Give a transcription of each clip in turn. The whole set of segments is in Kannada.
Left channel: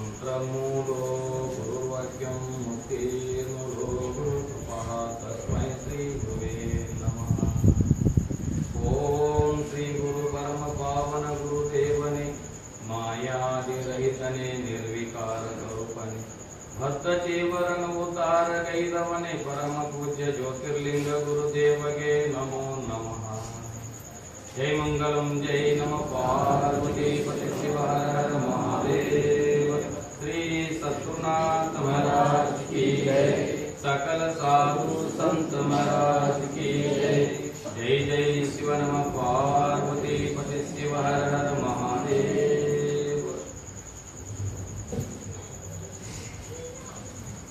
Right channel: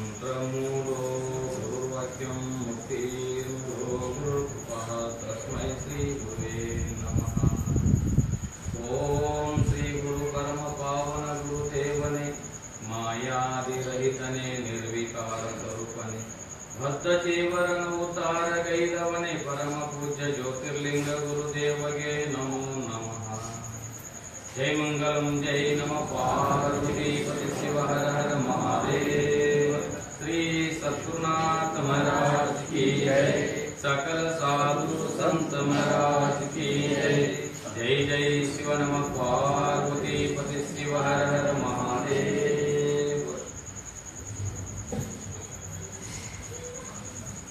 ಮಂತ್ರಮೂಲೋ ಗುರುವಾಕ್ಯಂ ಮುಕ್ತಿರ್ಮೂಲೋ ಗುರುಕೃಪಃ ತಸ್ಮೈ ಶ್ರೀ ಗುರುವೇ ನಮಃ. ಓಂ ಶ್ರೀ ಗುರು ಪರಮ ಪಾವನ ಗುರುದೇವನೇ, ಮಾಯಾದಿರಹಿತನೇ, ನಿರ್ವಿಕಾರ ಸ್ವರೂಪನೇ, ಭಕ್ತಚೇವರನ ಉತ್ತಾರ ಗೈದವನೇ, ಪರಮ ಪೂಜ್ಯ ಜ್ಯೋತಿರ್ಲಿಂಗ ಗುರುದೇವಗೆ ನಮೋ ನಮಃ. जय मंगलम जय नम पार्वती पति शिव हर हर महादेव. श्री सद्गुरुनाथ महाराज की जय, सकल साधु संत महाराज की जय. जय जय शिव नम पार्वती पति शिव हर हर महादेव.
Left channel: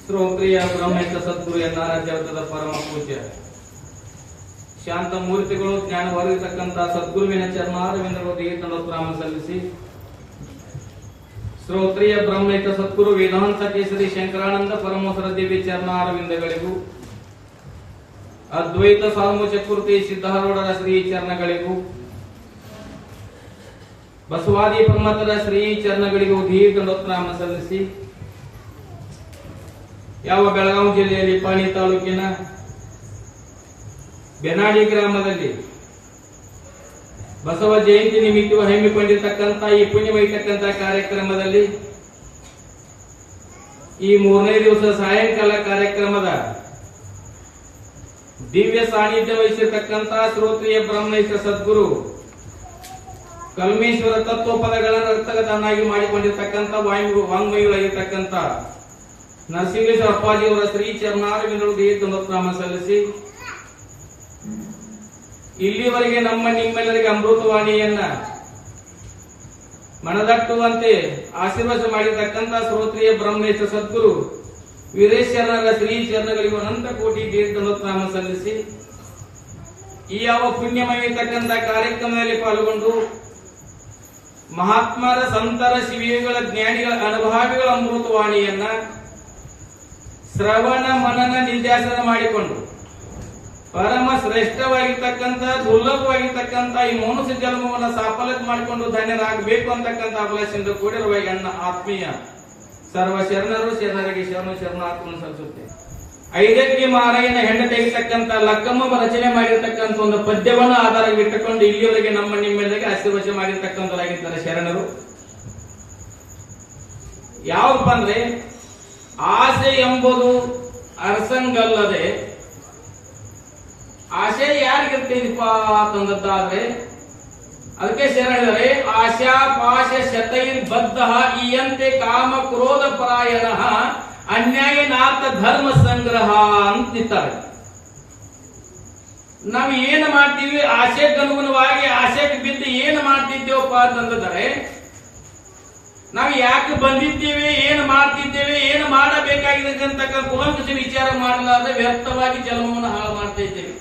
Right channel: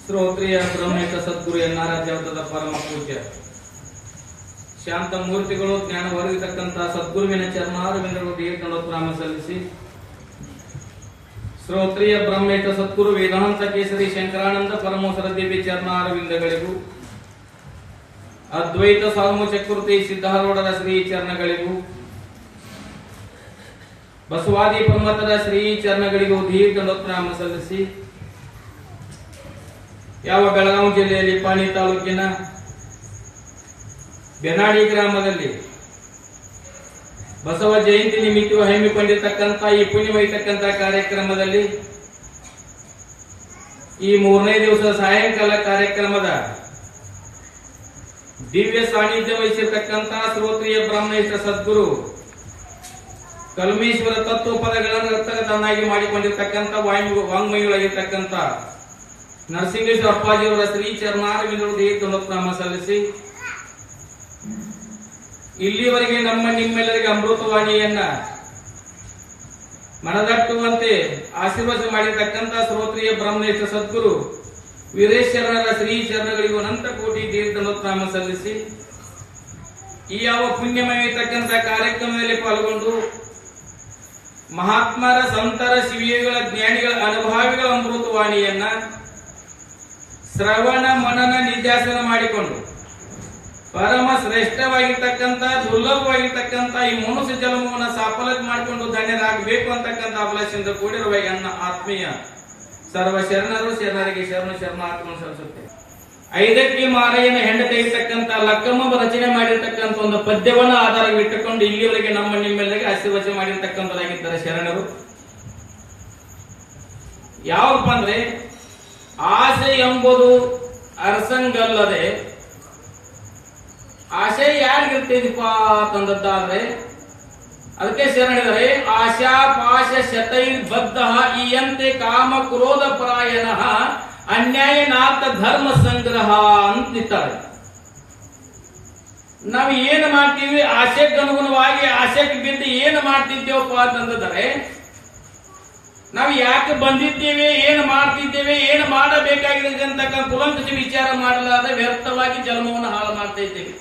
ಶ್ರೋತ್ರಿಯ ಬ್ರಹ್ಮೇಶ ಸದ್ಗುರು ಎನ್ನಾರಾಧ್ಯವತದ ಪರಮ ಪೂಜ್ಯ ಶಾಂತ ಮೂರ್ತಿಗಳು, ಜ್ಞಾನ ಹೊರಗಿತಕ್ಕಂಥ ಸದ್ಗುರುವಿನ ಚರಣಾರವಿಂದಗಳು ದೀರ್ಘನಾಮ ಸಲ್ಲಿಸಿ, ಶ್ರೋತ್ರಿಯ ಬ್ರಹ್ಮೇಶ ಸದ್ಗುರು ವೇದಾಂತ ಕೇಸರಿ ಶಂಕರಾನಂದ ಪರಮೋಸರ ದಿವ್ಯ ಚರಣಾರವಿಂದಗಳಿಗೂ, ಅದ್ವೈತ ಸಾಲ್ಮು ಚಕ್ರವರ್ತಿ ಸಿದ್ಧಾರೂಢರ ಶ್ರೀ ಚರಣಗಳಿಗೂ, ಬಸವಾದಿ ಪ್ರಮಥದ ಶ್ರೀ ಚರಣಗಳಿಗೂ ದೀರ್ಘನಾಮ ಸಲ್ಲಿಸಿ, ಯಾವ ಬೆಳಗಾವಿ ಜಿಲ್ಲೆಯಲ್ಲಿ ಪಾಣಿ ತಾಲೂಕಿನ ಬೆನಾಡಿ ಗ್ರಾಮದಲ್ಲಿ ಬಸವ ಜಯಂತಿ ನಿಮಿತ್ತ ಹಮ್ಮಿಕೊಂಡಿರ್ತಕ್ಕಂಥ ಈ ಪುಣ್ಯಮಯತಕ್ಕಂಥ ಕಾರ್ಯಕ್ರಮದಲ್ಲಿ ಈ 3ನೇ ದಿವಸ ಸಾಯಂಕಾಲ ಕಾರ್ಯಕ್ರಮದ ದಿವ್ಯ ಸಾನ್ನಿಧ್ಯ ವಹಿಸಿರ್ತಕ್ಕಂಥ ಶ್ರೋತ್ರಿಯ ಬ್ರಹ್ಮೇಶ ಸದ್ಗುರು ಕಲ್ಮೇಶ್ವರ ತತ್ವ ಪದಗಳನ್ನು ರಕ್ತಗತನಾಗಿ ಮಾಡಿಕೊಂಡಿರ್ತಕ್ಕಂಥ ವಾಂಗ್ಮಯಿಗಳಾಗಿರ್ತಕ್ಕಂಥ ನರಸಿಂಹೇಶ್ವರ ಅಪ್ಪಾಜಿಯವರ ಶ್ರೀ ಚರಣಾರವಿಂದಗಳು ದೀರ್ಘನಾಮ ಸಲ್ಲಿಸಿ, ಇಲ್ಲಿವರೆಗೆ ನಿಮ್ಮೆಲ್ಲರಿಗೆ ಅಮೃತವಾಣಿಯನ್ನ ಮನದಟ್ಟುವಂತೆ ಆಶೀರ್ವಾದ ಮಾಡಿರ್ತಕ್ಕಂಥ ಶ್ರೋತ್ರಿಯ ಬ್ರಹ್ಮೇಶ ಸದ್ಗುರು ವೀರೇಶ್ವರರ ಶ್ರೀ ಚರಣಗಳಿಗೂ ಅನಂತ ಕೋಟಿ ದೀರ್ಘನಾಮ ಸಲ್ಲಿಸಿ, ಈ ಯಾವ ಪುಣ್ಯಮಯತಕ್ಕಂಥ ಕಾರ್ಯಕ್ರಮದಲ್ಲಿ ಪಾಲ್ಗೊಂಡು ಮಹಾತ್ಮರ ಸಂತರ ಶಿವಿಗಳ ಜ್ಞಾನಿಗಳ ಅನುಭಾವಿಗಳ ಅಮೃತವಾಣಿಯನ್ನ ಶ್ರವಣ ಮನನ ನಿಧ್ಯಾಸನ ಮಾಡಿಕೊಂಡು ಪರಮ ಶ್ರೇಷ್ಠವಾಗಿರ್ತಕ್ಕಂಥ ದುರ್ಲಭವಾಗಿರ್ತಕ್ಕಂಥ ಈ ಮನುಷ್ಯ ಜನ್ಮವನ್ನು ಸಾಫಲ್ಯ ಮಾಡಿಕೊಂಡು ಧನ್ಯರಾಗಬೇಕು ಅಂತಕ್ಕಂಥ ಅಭಿಲಾಷೆಯಿಂದ ಕೂಡಿರುವ ನನ್ನ ಆತ್ಮೀಯ ಸರ್ವ ಶರಣರು ಶರಣರಿಗೆ ಶರಣಾರ್ಥವನ್ನು ಸಲ್ಲಿಸುತ್ತೆ. 5ಕ್ಕೆ ಮಾಲೆಯನ್ನ ಹೆಂಡತಿರ್ತಕ್ಕಂಥ ಲಕ್ಕಮ್ಮ ರಚನೆ ಮಾಡಿರ್ತಕ್ಕಂಥ ಒಂದು ಪದ್ಯವನ್ನು ಆಧಾರವಿಟ್ಟುಕೊಂಡು ಇಲ್ಲಿವರೆಗೆ ನಿಮ್ಮೆಲ್ಲರಿಗೆ ಆಶೀರ್ವಚನೆ ಮಾಡಿರ್ತಕ್ಕಂಥದ್ದಾಗಿದ್ದಾರೆ ಶರಣರು. ಯಾವಪ್ಪ ಅಂದ್ರೆ, ಆಸೆ ಎಂಬುದು ಅರಸಂಗಲ್ಲದೆ, ಆಶೆ ಯಾರಿಗಿರ್ತೇನಿಪ್ಪ ಅಂತಂದದ್ದಾದ್ರೆ ಅದಕ್ಕೆ ಶರಣ ಹೇಳಿದರೆ, ಆಶಾ ಪಾಶ ಶತೈರ್ಬದ್ಧ ಇಯಂತೆ ಕಾಮ ಕ್ರೋಧ ಪರಾಯಣ ಅನ್ಯಾಯನಾಥ ಧರ್ಮ ಸಂಗ್ರಹ ಅಂತಿದ್ದಾರೆ. ನಾವು ಏನು ಮಾಡ್ತೀವಿ, ಆಶೆಗನುಗುಣವಾಗಿ ಆಶೆಗೆ ಬಿದ್ದು ಏನು ಮಾಡ್ತಿದ್ದೇವಪ್ಪ ಅಂತಂದರೆ, ನಾವು ಯಾಕೆ ಬಂದಿದ್ದೇವೆ, ಏನು ಮಾಡ್ತಿದ್ದೇವೆ, ಏನು ಮಾಡಬೇಕಾಗಿದೆ ಅಂತಕ್ಕಂಥ ಕುಲಂಕುಷ ವಿಚಾರ ಮಾಡಲಾದ ವ್ಯರ್ಥವಾಗಿ ಜನ್ಮವನ್ನು ಹಾಳು ಮಾಡ್ತಾ ಇದ್ದೇವೆ.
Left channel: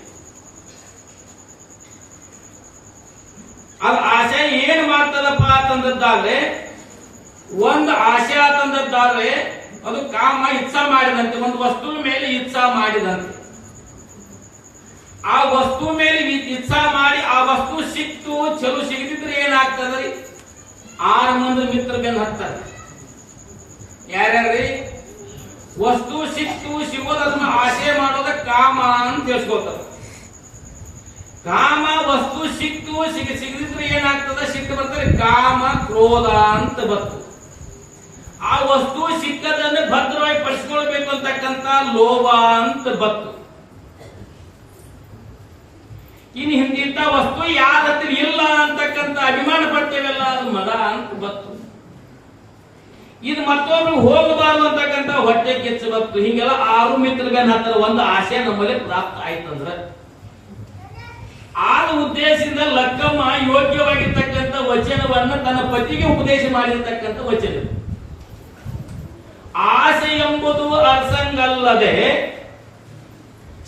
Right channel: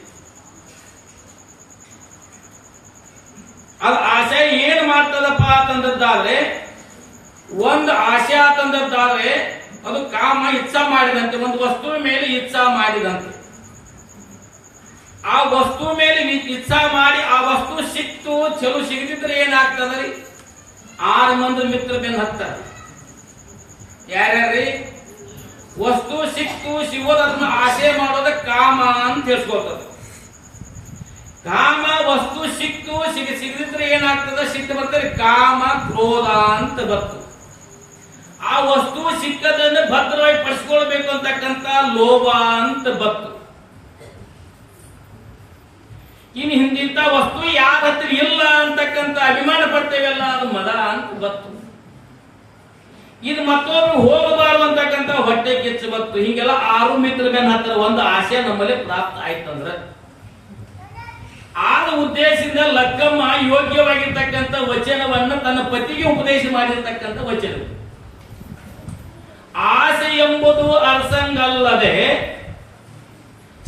ಅದು ಆಶೆ ಏನ್ ಮಾಡ್ತದಪ್ಪ ಅಂತಂದದ್ದಾದ್ರೆ, ಒಂದು ಆಶೆ ಅಂತಂದದ್ದಾದ್ರೆ ಅದು ಕಾಮ ಇಚ್ಛಾ ಮಾಡಿದಂತೆ, ಒಂದು ವಸ್ತುವಿನ ಮೇಲೆ ಇಚ್ಛಾ ಮಾಡಿದಂತೆ. ಆ ವಸ್ತು ಮೇಲೆ ಇಚ್ಛಾ ಮಾಡಿ ಆ ವಸ್ತು ಸಿಕ್ತು, ಚಲೋ ಸಿಗದಿದ್ರೆ ಏನಾಗ್ತದೆ, 6 ಮಂದಿ ಮಿತ್ರ ಬೆನ್ನು ಹತ್ತಾರೆ. ಯಾರ್ಯಾರ್ರಿ? ವಸ್ತು ಸಿಕ್ತು, ಸಿಗೋದನ್ನ ಆಶೆ ಮಾಡೋದ ಕಾಮ ಅಂತ ತಿಳಿಸ್ಕೊಳ್ತದೆ. ಕಾಮ ವಸ್ತು ಸಿಕ್ತು, ಸಿಗದಿದ್ರೆ ಏನಾಗ್ತದೆ, ಸಿಕ್ತು ಬರ್ತದೆ, ಕಾಮ ಕ್ರೋಧ ಅಂತ ಬರ್ತದೆ. ಆ ವಸ್ತು ಸಿಕ್ಕದನ್ನು ಭದ್ರವಾಗಿ ಪಡಿಸ್ಕೊಳ್ಬೇಕು ಅಂತಕ್ಕಂಥ ಲೋಭ ಅಂತ ಬರ್ತದೆ. ಇನ್ನು ಹಿಂಗಿಂತ ವಸ್ತು ಯಾರ ಹತ್ರ ಇಲ್ಲ ಅಂತಕ್ಕಂಥ ಅಭಿಮಾನ ಪಡ್ತೇವೆಲ್ಲ, ಅದು ಮದ ಅಂತ ಬತ್ತು. ಇದು ಮತ್ತೊಂದು ಹೋಗಬಾರದು ಅಂತಕ್ಕಂಥ ಹೊಟ್ಟೆ ಕಿಚ್ಚು ಬತ್ತು. ಹಿಂಗೆಲ್ಲ 6 ಮಿತ್ರ ಬೆನ್ನ ಹತ್ತಿರ ಒಂದು ಆಶೆ ನಮ್ಮಲ್ಲಿ ಪ್ರಾಪ್ತ ಆಯ್ತಂದ್ರ, ಆ ಉದ್ದೇಶದಿಂದ ಲಕ್ಕಮ್ಮ ಯೋಗ್ಯವಾಗಿರ್ತಕ್ಕಂಥ ವಚನವನ್ನ ತನ್ನ ಪತಿಗೆ ಉಪದೇಶ ಮಾಡಿರ್ತಕ್ಕಂಥ ವಚನ. ಆಸೆ ಎಂಬುದು ಅರ್ಸಂಗಲ್ಲದೆ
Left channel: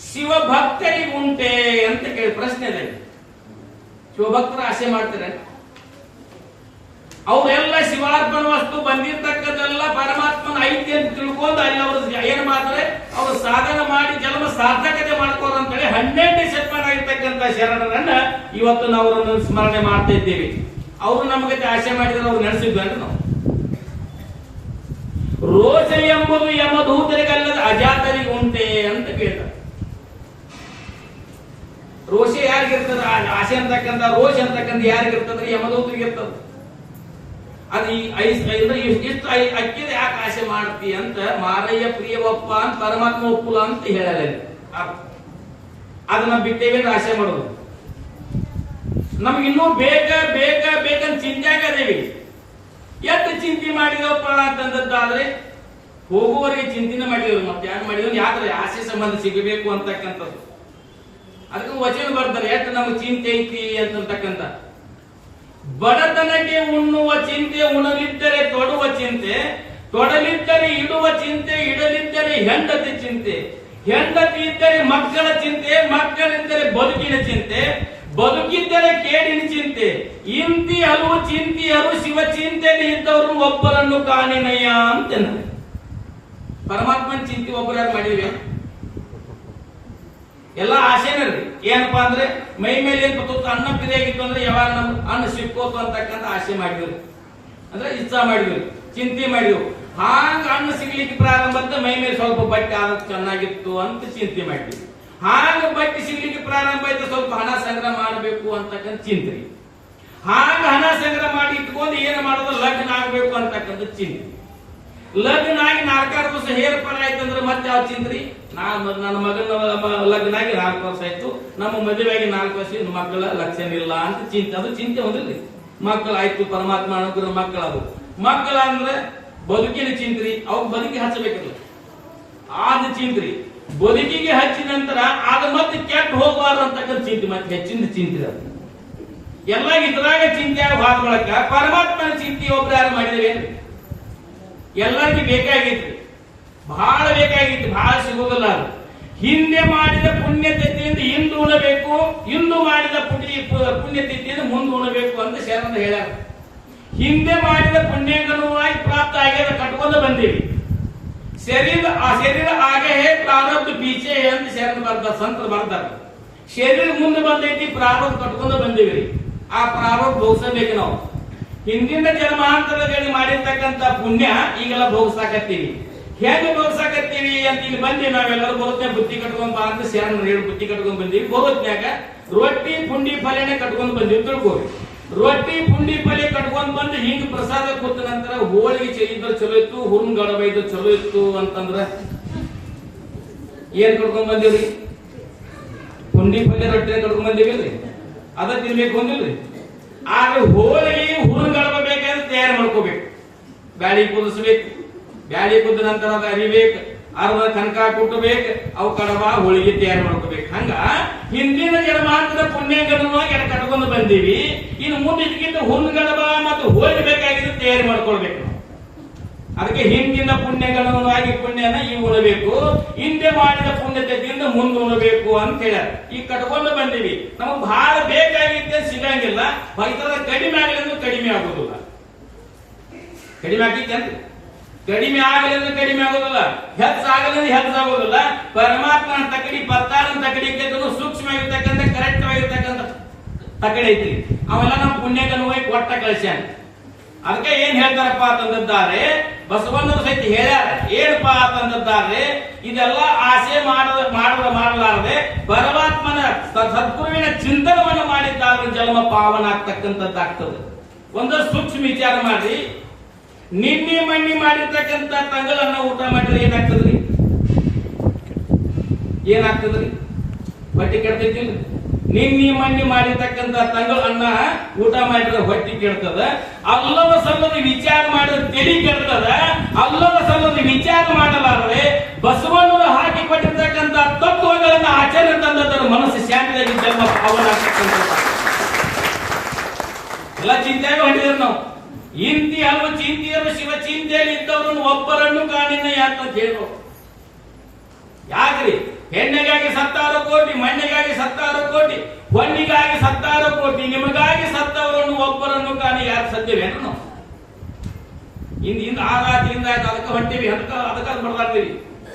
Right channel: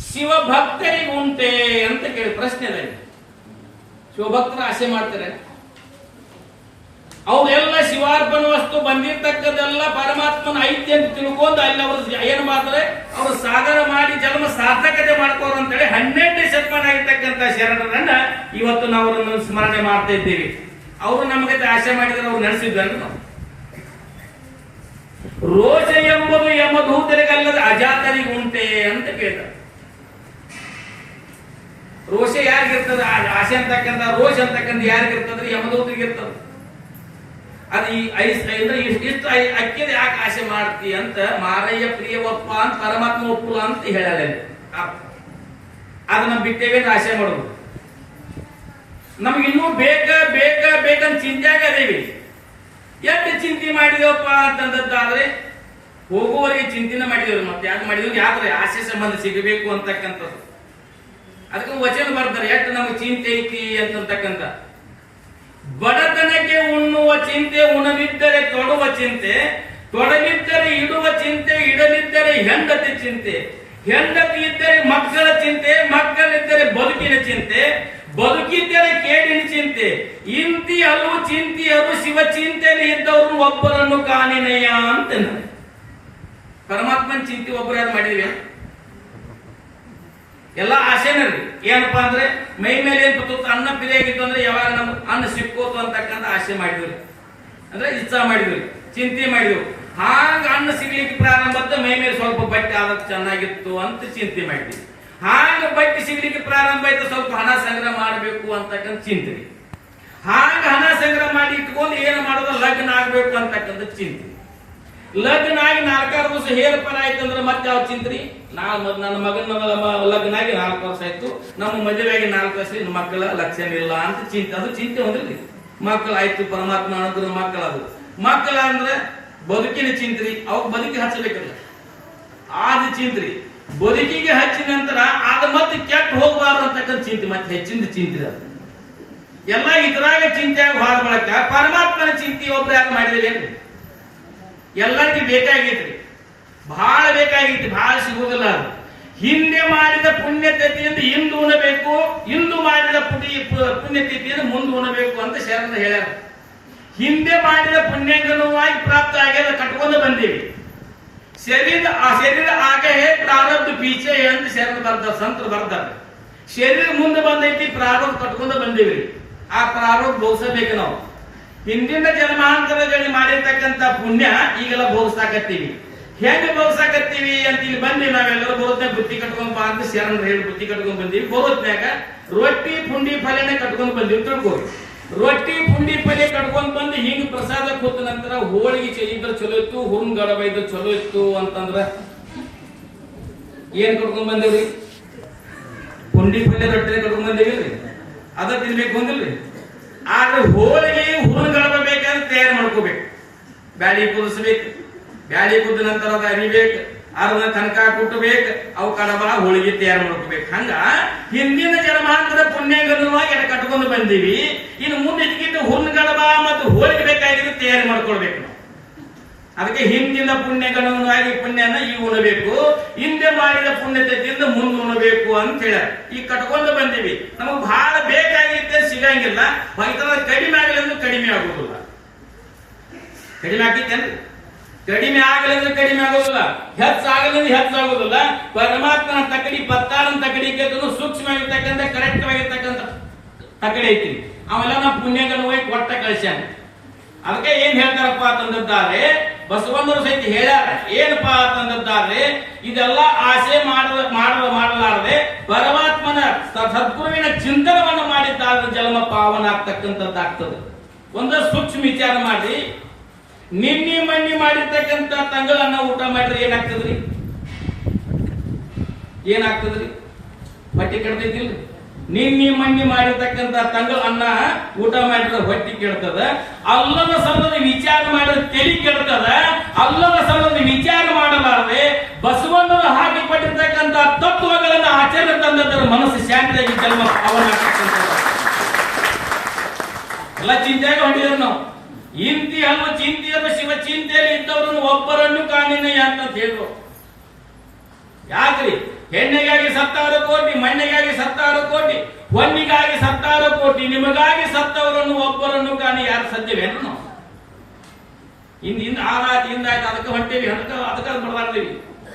ಶಿವಭಕ್ತರಿಗುಂಟೆ ಅಂತ ಕೇಳಿ ಪ್ರಶ್ನೆ ಇದೆ. ಶಿವಭಕ್ತರು ಆಸೆ ಮಾಡ್ತಾರೆ, ಅವರೆಲ್ಲ ಶಿವಾರ್ಪಣ ವಸ್ತು ಬಂದಿರ್ತಕ್ಕದೆಲ್ಲ ಪರಮಾತ್ಮನ ಐತಿ ಅಂತ ತಿಳ್ಕೊಂಡು ಅಲ್ಲಿ ಅವರು ಏನ್ ಮಾಡ್ತಾರೆ, ಅವರು ಸಾಧನ ಮಾಡಿ ಜನ್ಮ ಸಾರ್ಥಕತೆ ಮಾಡ್ಕೋರು ಅಂತೇಳಿ 12ನೇ ಶತಮಾನ ಆಗಿರ್ತಕ್ಕಂಥ ಶರಣರನ್ನ ಇವತ್ತು ನಾವು ಅವರನ್ನು ಸ್ಮರಣೆ ಮಾಡ್ತಾ ಇದ್ದೀವಿ. ಅವರು ನಮಗೆ ಆಸೆ ಮಾಡಿದ್ರೆ ಅವ್ರು ನಡೆಸಿದ್ದರು. ನಾವು ಎಂಬುದು ಯಮದೂತರಿಗಲ್ಲದ ಅಜಾತರಿಗೆ ಉಂಟೆ ಅಂತ ಕೇಳ್ತಾರೆ. ರೋಷ ಯಾರಿಗಿರ್ತದ? ಆಸೆ ಅಂತಕ್ಕಂಥ ರೋಷ ಅಂತಕ್ಕಂಥ ಯಾರಿಗಿರ್ತದ್ರಿ? ಯಮದೂತರಿಗೆ ಇರ್ತದ. ಅದು ಇಷ್ಟು ಅಕ್ಕಿದ ಯಾಕೆ ಆಸೆ ಮಾಡ್ತಿ ಅಂತ ಮಾರಯ್ಯ ಪ್ರಿಯವಪ್ಪ ಅಂತ ಪರಮಾತ್ಮ ಒಪ್ಪುಲ ಅಂತ ಹೇಳ್ಯಾರ. ಅದನ್ನ ಬಿಟ್ಟೇವೇನು ಆಸೆ ಮಾಡೋದು? ನಮ್ಗಿನ್ನೂ ಬೇಕಂತ ಚಿಂತೆಯಾಗ ಅದೇವಿ. ಎಷ್ಟು ಚಿಂತೆ ಮಾಡಿದೇವಪ್ಪ ಅಂತಂದದ್ದಾದ್ರೆ ಹೋಗುವವರೆಗೆ ಚಿಂತನೆ ಮಾಡಿದ್ರು. ಮತ್ತೆ ಯಾಕೆ ಮಾಡಿದ್ರು? ಯಾವ್ದ್ರ ಆಸೆ ಸಂಬಂಧ ಸಿಗಬೇಕು ಅಂತಕ್ಕಂಥದ್ದು. ಅದಕ್ಕೆ ವಚನ ಬರ್ತಾರೆ, ಎಷ್ಟು ನಮ್ಗೆ ಚಿಂತೆ ಐತಿ ಅಂತಕ್ಕಂಥ. ಬಡತನಕ್ಕೆ ಉಣ್ಣುವ ಚಿಂತೆ, ಉಣವಿದ್ದರೆ ತೊಡುವ ಚಿಂತೆ, ತೊಡವಿದ್ದರೆ ಇಡುವ ಚಿಂತೆ, ಇಡದಿದ್ದರೆ ಹೆಂಡತಿ ಚಿಂತೆ, ಹೆಂಡತಿ ಇದ್ದರೆ ಮಕ್ಕಳ ಚಿಂತೆ, ಮಕ್ಕಳಿದ್ದರೆ ಬದುಕಿನ ಚಿಂತೆ, ಬದುಕಿದ್ದರೆ ಕೇಡಿನ ಚಿಂತೆ, ಇಂತಿ ಹಲವು ಚಿಂತೆಯರು ಶಿವ ಚಿಂತೆಯಲ್ಲಿ ಇದ್ದವರು ಒಬ್ಬರನ್ನು ಕಾಣಿನಯ್ಯ ಅಂತ. ಪರಮಾತ್ಮನ ಚಿಂತೆ ಒಬ್ಬರು ಯಾರು ಮಾಡಿದ್ವಿ? ಎಲ್ಲ ಆಸೆನೇ ರೀ. ಏನಪ್ಪಾ ಅಂದ್ರೆ ಮೈ ಮೇಲೆ ಏನ್ ಬತ್ತು ಅನ್ನ ಪಿದೆ ಆಗಿತ್ತು ಅಂದ್ರೆ ಯಾವಾಗ ನಮ್ಗೆ ಅನ್ನ ಸಿಕ್ಕೋತು ಅಂತಕ್ಕಂಥ ಆಸೆ ಮಾಡಿದ್ವಿ, ಅಂದ್ರೆ ಇಚ್ಛಾ ಮಾಡಿದ್ವಿ, ಚಿಂತೆ ಮಾಡಿದ್ವಿ. ಹಾಂಗ ಅನ್ನ ಸಿಗ್ಲಿಕ್ಕೆ ಪ್ರಾರಂಭ ಅಂತ ಮೈ ಮೇಲೆ ಸ್ವಲ್ಪ ಬಟ್ಟೆ ಆದ ಚೆನ್ನಾಗಿತ್ತು ಅಂತ ಚಿಂತೆ ಮಾಡಿದ್ವಿ. ಹಾಂಗ ಬಟ್ಟೆ ಸಿಗ್ಲಿಕ್ಕೆ ಪ್ರಾರಂಭ ಆಯ್ತು, ಸ್ವಲ್ಪ ಹಣ ಸಂಗ್ರಹ ಮಾಡಬೇಕು ಅಂತಕ್ಕಂಥ ಚಿಂತೆ. ಹಾಂಗ ಹಣ ಸಂಗ್ರಹ ಮಾಡಿ ಇಟ್ಕೊಂಡು ಏನು ಮಾಡೋದು? ಲಗ್ನ ಆಗ್ಬೇಕು ಅಂತಕ್ಕಂಥ ಚಿಂತೆ. ಲಗ್ನ ಆಗಿ 4 ವರ್ಷ ಹೇರ್ ಫಲ ಆಯ್ತಂದ್ರೆ ಮತ್ತೆ ಯಾವ ಚಿಂತ್ರಿ? ನನ್ನ ಮಗನ ಲಗ್ನ ಆಗಿ 4 ವರ್ಷ ಆಯ್ತು, ನಮ್ಮ ಮದುವೆಯಾಗಿ 4 ವರ್ಷ, ಮಕ್ಕಳ ಲಕ್ಷಣ ಇಲ್ಲ ಅಂತ ಚಿಂತೆ. ಅದು ಚಿಂತೆ ಹೊಂದಿರ್ಲಿ. ಮಕ್ಕಳು ಆಯ್ತು, ಪರಮಾತ್ಮ ಅನುಗ್ರಹ ಮಕ್ಕಳು. ಅದು ಮಕ್ಕಳ ಅಂದ್ರೆ ಬದುಕಿನ ಚಿಂತ್ರಿ. ಅವಾಗ ಬದುಕಿ ಹಚ್ಚಬೇಕಲ್ಲ, ಆದ ಚಿಂತ್ರಿ. ಬದುಕಿಗೆ ಹಚ್ಚಿದ ನಂತರ ಅದು ಮತ್ತೆ ಕೆಟ್ಟ ಹೋಗಬಾರ್ದು ಅಂತಕ್ಕಂಥ ಚಿಂತೆ, ಮತ್ತೆ ಹೆಚ್ಚಿನ ಚಿಂತ್ರಿ. ಅದು ಎಲ್ಲ ಇದ್ರಾಗ ಚಿಂತೆಯಾಗ ಹೋದ ಬಳಕ ಪರಮಾತ್ಮನ ಚಿಂತೆ ಒಬ್ರು ಯಾರು ಮಾಡಿದೇವೆ? ಎಲ್ಲರಿಗೂ ಬೇಕಾಗೈತ್ರಿ, ಬಹಳ ಬೇಕಾಗೈತಿ, ಬಹಳ ಸಿಗುವುದಿಲ್ಲ. ಅದು ಹಿಂದೆ ಮಾಡಿದ ಪುಣ್ಯತಿಥಿಯಿಂದ ಇಂದು ಉಣಬೇಕು, ಇಂದು ಮಾಡಿದ ಪುಣ್ಯತಿಥಿಯಿಂದ ಮುಂದೆ ಉಣಬೇಕು ಅಂತ ಶರಣ ಹೇಳ್ಯಾರ. ಹಿಂದೆ ಮಾಡಿದ ಪುಣ್ಯಗನುವಾಗಿ ಪ್ರಾಪ್ತ ಆಗ್ಯದ ಕಟ್ಕೊಂಡು ಬಂದೀವಿ. ಶರೀರ ಆಗೇ ಪ್ರಾರಬ್ಧ ಪೀಚೆ ಅಂತ ಶರಣ ಬರ್ತಾರೆ, ಸಂತರು ಬರ್ತಾರೆ. ಶರೀರ ಮುಂದೆ ಬಂದೈತಿ, ಪ್ರಾರಬ್ಧ ಕಟ್ಕೊಂಡು ಬಂದೀವಿ. ಆ ಪ್ರಾರಬ್ಧ ಭೋಗಿಸಬೇಕು ನಾವು. ಹಿಂದಿನ ಜನ್ಮಾಂತರದಲ್ಲಿ ಮಾಡಿರ್ತಕ್ಕಂಥ ಪುಣ್ಯ ಈಗೆಲ್ಲ ಭೋಗಿಸಾಕತ್ತೀವಿ. ಹೇಗೆ ಭೋಗಿಸಾಕತ್ತೀವಿ ಅಂತ ಇಲ್ಲಿ ಬಂದಿ ನಾವೆಲ್ಲರೂ ಬರುತ್ತೆ ಬುತ್ತಿ ಕಟ್ಕೊಂಡ್ ಬಾ ಅಂತ ಶರಣರು ಹೇಳಿ ಬುತ್ತಿ ಕಟ್ಕೊಂಡ್ ಬಂದೀವಿ. ಬರೋತ್ನಾಗ ರೊಟ್ಟಿ ಪುಂಡಿ ಪಲ್ಯನೇ ಕಟ್ಕೊಂಡ್ ಬಂದೀವಿ ತಿಳ್ಕೋರಿ. ರೊಟ್ಟಿ ಪುಂಡಿ ಪಲ್ಯ ಕಟ್ಕೊಂಡ್ ಬಂದು ಹಿಂಗ್ ಪ್ರಸಾದ ಕೂತ ನಂತರ ಹೋಳಿಗೆ ಇದ್ರೆ ಚಲೋ ಇತ್ತು, ಹುರ್ನ್ ಗಡಬ ಇದ್ರೆ ಚಲೋ ಇತ್ತು ಅಂತಂದ್ರ ಏನ್ ಕಟ್ಕೊಂಡ್ ಬಂದಿವ್ರಿ? ಪುಂಡಿ ಪಲ್ಯ ರೊಟ್ಟಿ ಕಟ್ಕೊಂಡ್ ಬಂದಿವಿಲ್ರಿ, ಅದ ತಿನ್ಬೇಕು ಅಂದಿಲ್ರಿ. ಆದ್ರೆ ಹೋಳಿಗೆ ಹುರುನ್ ಗಡಬ ಬೇಕಾದ್ರೆ ತಯಾರು ಮಾಡ್ಕೋಬೇಕು. ಬ್ಯಾಳಿ ಕುದಿಸ್ಬೇಕು, ಬ್ಯಾಳಿ ಕುದ್ದ ನಂತರ ಅದ ಅರಿಬೇಕು, ಅರ್ಧ ಕನಕ ಕುಟ್ಟಬೇಕು, ಅವು ಕಡಬ ಹೋಳಿಗೆ ತಯಾರು ಮಾಡ್ಕೋಬೇಕು. ಹಂಗ ಹಿಂದಿನ ಜನ್ಮಾಂತರದ ಪುಣ್ಯಗನುವಾಗಿ ಎಡ ಕಟ್ಕೊಂಡು ಬಂದೀವಿ. ಇನ್ನು ಮುಂದೆ ಇದಕ್ಕಿಂತ ಹುರ್ನ್ ಗಡಬ ಮತ್ತು ಹೋಳಿಗೆ ಬೇಕಾಗಿದ್ದು ತಯಾರು ಮಾಡ್ಕೊಳ್ಬೇಕು. ಅದಕ್ಕೆ ಹಿಂದಿನ ಪುಣ್ಯಗನುವಾಗಿ ಪುಣ್ಯನ ಈಗ ಉಣಬೇಕು, ಹಿಂದೆ ಮಾಡಿದ ಪುಣ್ಯತೆಯಿಂದ ಮುಂದೆ ಉಣಬೇಕು ಅಂತ ಹೇಳ್ಯಾರ. ಈಗ ಕಟ್ಕೊಂಡು ಬಂದೀವಿ, ನಮಗ್ ಬಹಳ ಬೇಕಾಗಿದ್ದೆ ಸಿಗಂಗಿಲ್ಲ. ಕಡಿಮೆ ಆಗಲೆಂದು ಕಡಿಮೆ ಆಗುದಿಲ್ಲ, ಕಡಿಮೆ ಆಗಿತ್ತೇನ್ರಿ? ಕಡಿಮೆ ಆಗಲೆಂದು ಕಡಿಮೆ ಆಗೋದಿಲ್ಲ, ಹೆಚ್ಚಾಗಲೆಂದು ಹೆಚ್ಚಾಗೋದಿಲ್ಲ. ಪರಮಾತ್ಮನ ತಕಡಿ ಪತ್ತಾರನ ತಕಡಿಗೆ ಸೂಕ್ಷ್ಮವಾಗಿರ್ತಕ್ಕಂಥ ಕರೆಕ್ಟ್ ಆಗಿರ್ತಕ್ಕಂಥ ತಕಡಿ ಐತಿ. ಅವೆಲ್ಲ ನಮ್ಮ ಪುಣ್ಯಗನುವಾಗಿ ಕೊಟ್ಟ ಕಳಿಸ್ಯಾನ. ಅದಕ್ಕೆ ಏನ್ ಹೇಳ್ತಾರಪ್ಪ ಅಂತಂದಿದ್ದಾರೆ, ಬಸವಣ್ಣವರು ಸಹಿತ ಹೇಳ್ಯಾರ. ಏನಪ್ಪಾ ಅಂತಂದಿದ್ದಾರೆ, ಇದೆಲ್ಲ ಆಸೆ ಮಾಡಲಾರದೆ ಪರಮಾತ್ಮನ ಸದ್ಗುರುವಿನ ಚಿಂತನವನ್ನು ಮಾಡಿದ್ದಾರೆ ಜನ್ಮ ಪಾವನ ಆಗ್ತಕ್ಕಂಥದ್ದಾಗ್ತದೆ. ಒಂದಷ್ಟು ಸೂಕ್ಷ್ಮ ವಿಚಾರ ಮಾಡಿ. ನಿನ್ನೆ ಮಣ್ಣಿ ಮಾಡಿರ್ತಕ್ಕಂಥ ತಂಗಳನ್ನ ಊಟ ಮಾಡಿದ್ರೆ ಏನಾಗ್ತದ್ರಿ? ಏನಾಗ್ತದ್ರಿ? ಹೊಟ್ಟೆ ಕೆಡ್ತೈತಿಲ್ಲ? ನಿನ್ನೆ ಮಣ್ಣಿ ಮಾಡಿರ್ತಕ್ಕಂಥ ತಂಗಳ ಅನ್ನ ಊಟ ಮಾಡಿದ್ರೆ ಹೊಟ್ಟೆ ಕೆಡ್ತದ. ಅಲ್ಲದ ಸಲ್ಲದ ವಿಚಾರ ಮಾಡಿದ್ರೆ ತಲೆ ಕೆಡ್ತದ. ಅಲ್ಲದ ಸಲ್ಲದ ವಿಚಾರ ಮಾಡಲಾರದೆ ಬಸವಣ್ಣರು ಹಾಕಿ ಕೊಟ್ಟಿರ್ತಕ್ಕಂಥ ತತ್ವಗಳನ್ನ ಆಚರಣೆ ತಂದದರ ಮನಸ್ಸು ಶಾಂತಿಯಾಗಿ ಜನ್ಮ ಪಾವನ ಆಗ್ತಕ್ಕಂಥದ್ದು. ಎಲ್ಲ ಚಿಂತೆಯಾಗ ಹೊಂದಿದ್ರು ನಾವು. ಇಂತಿ ಹಲವು ಚಿಂತೆಯರು ಶಿವ ಚಿಂತೆಯಲ್ಲಿ ಇದ್ದವರನ್ನು ಒಬ್ಬರನ್ನು ಕಾಣಿನಯ್ಯ ಅಂತ ಹೇಳು. ಯಾಕ್ರಿ? ಹೆಣ್ಣಿಗಾಗಿ 10000 ಕೋಟಿ, ಮಣ್ಣಿಗಾಗಿ 10000 ಕೋಟಿ, ಹೊನ್ನಿಗಾಗಿ 10000 ಕೋಟಿ, ನಿಮಗಾಗಿ ಸತ್ತವರನ್ನು ಒಬ್ಬರನ್ನು ಕಾಣಿ ಯಾರು ಸದ್ದೇವೇನು ನಾವು? ಇಂದ ಆ ರಾತ್ರಿಯಿಂದ ಅದಕ್ಕೆ ಹೊಂಟೇವಿ, ಅದಕ್ಕೆ ಬಡದಾಡ್ತೀವಿ.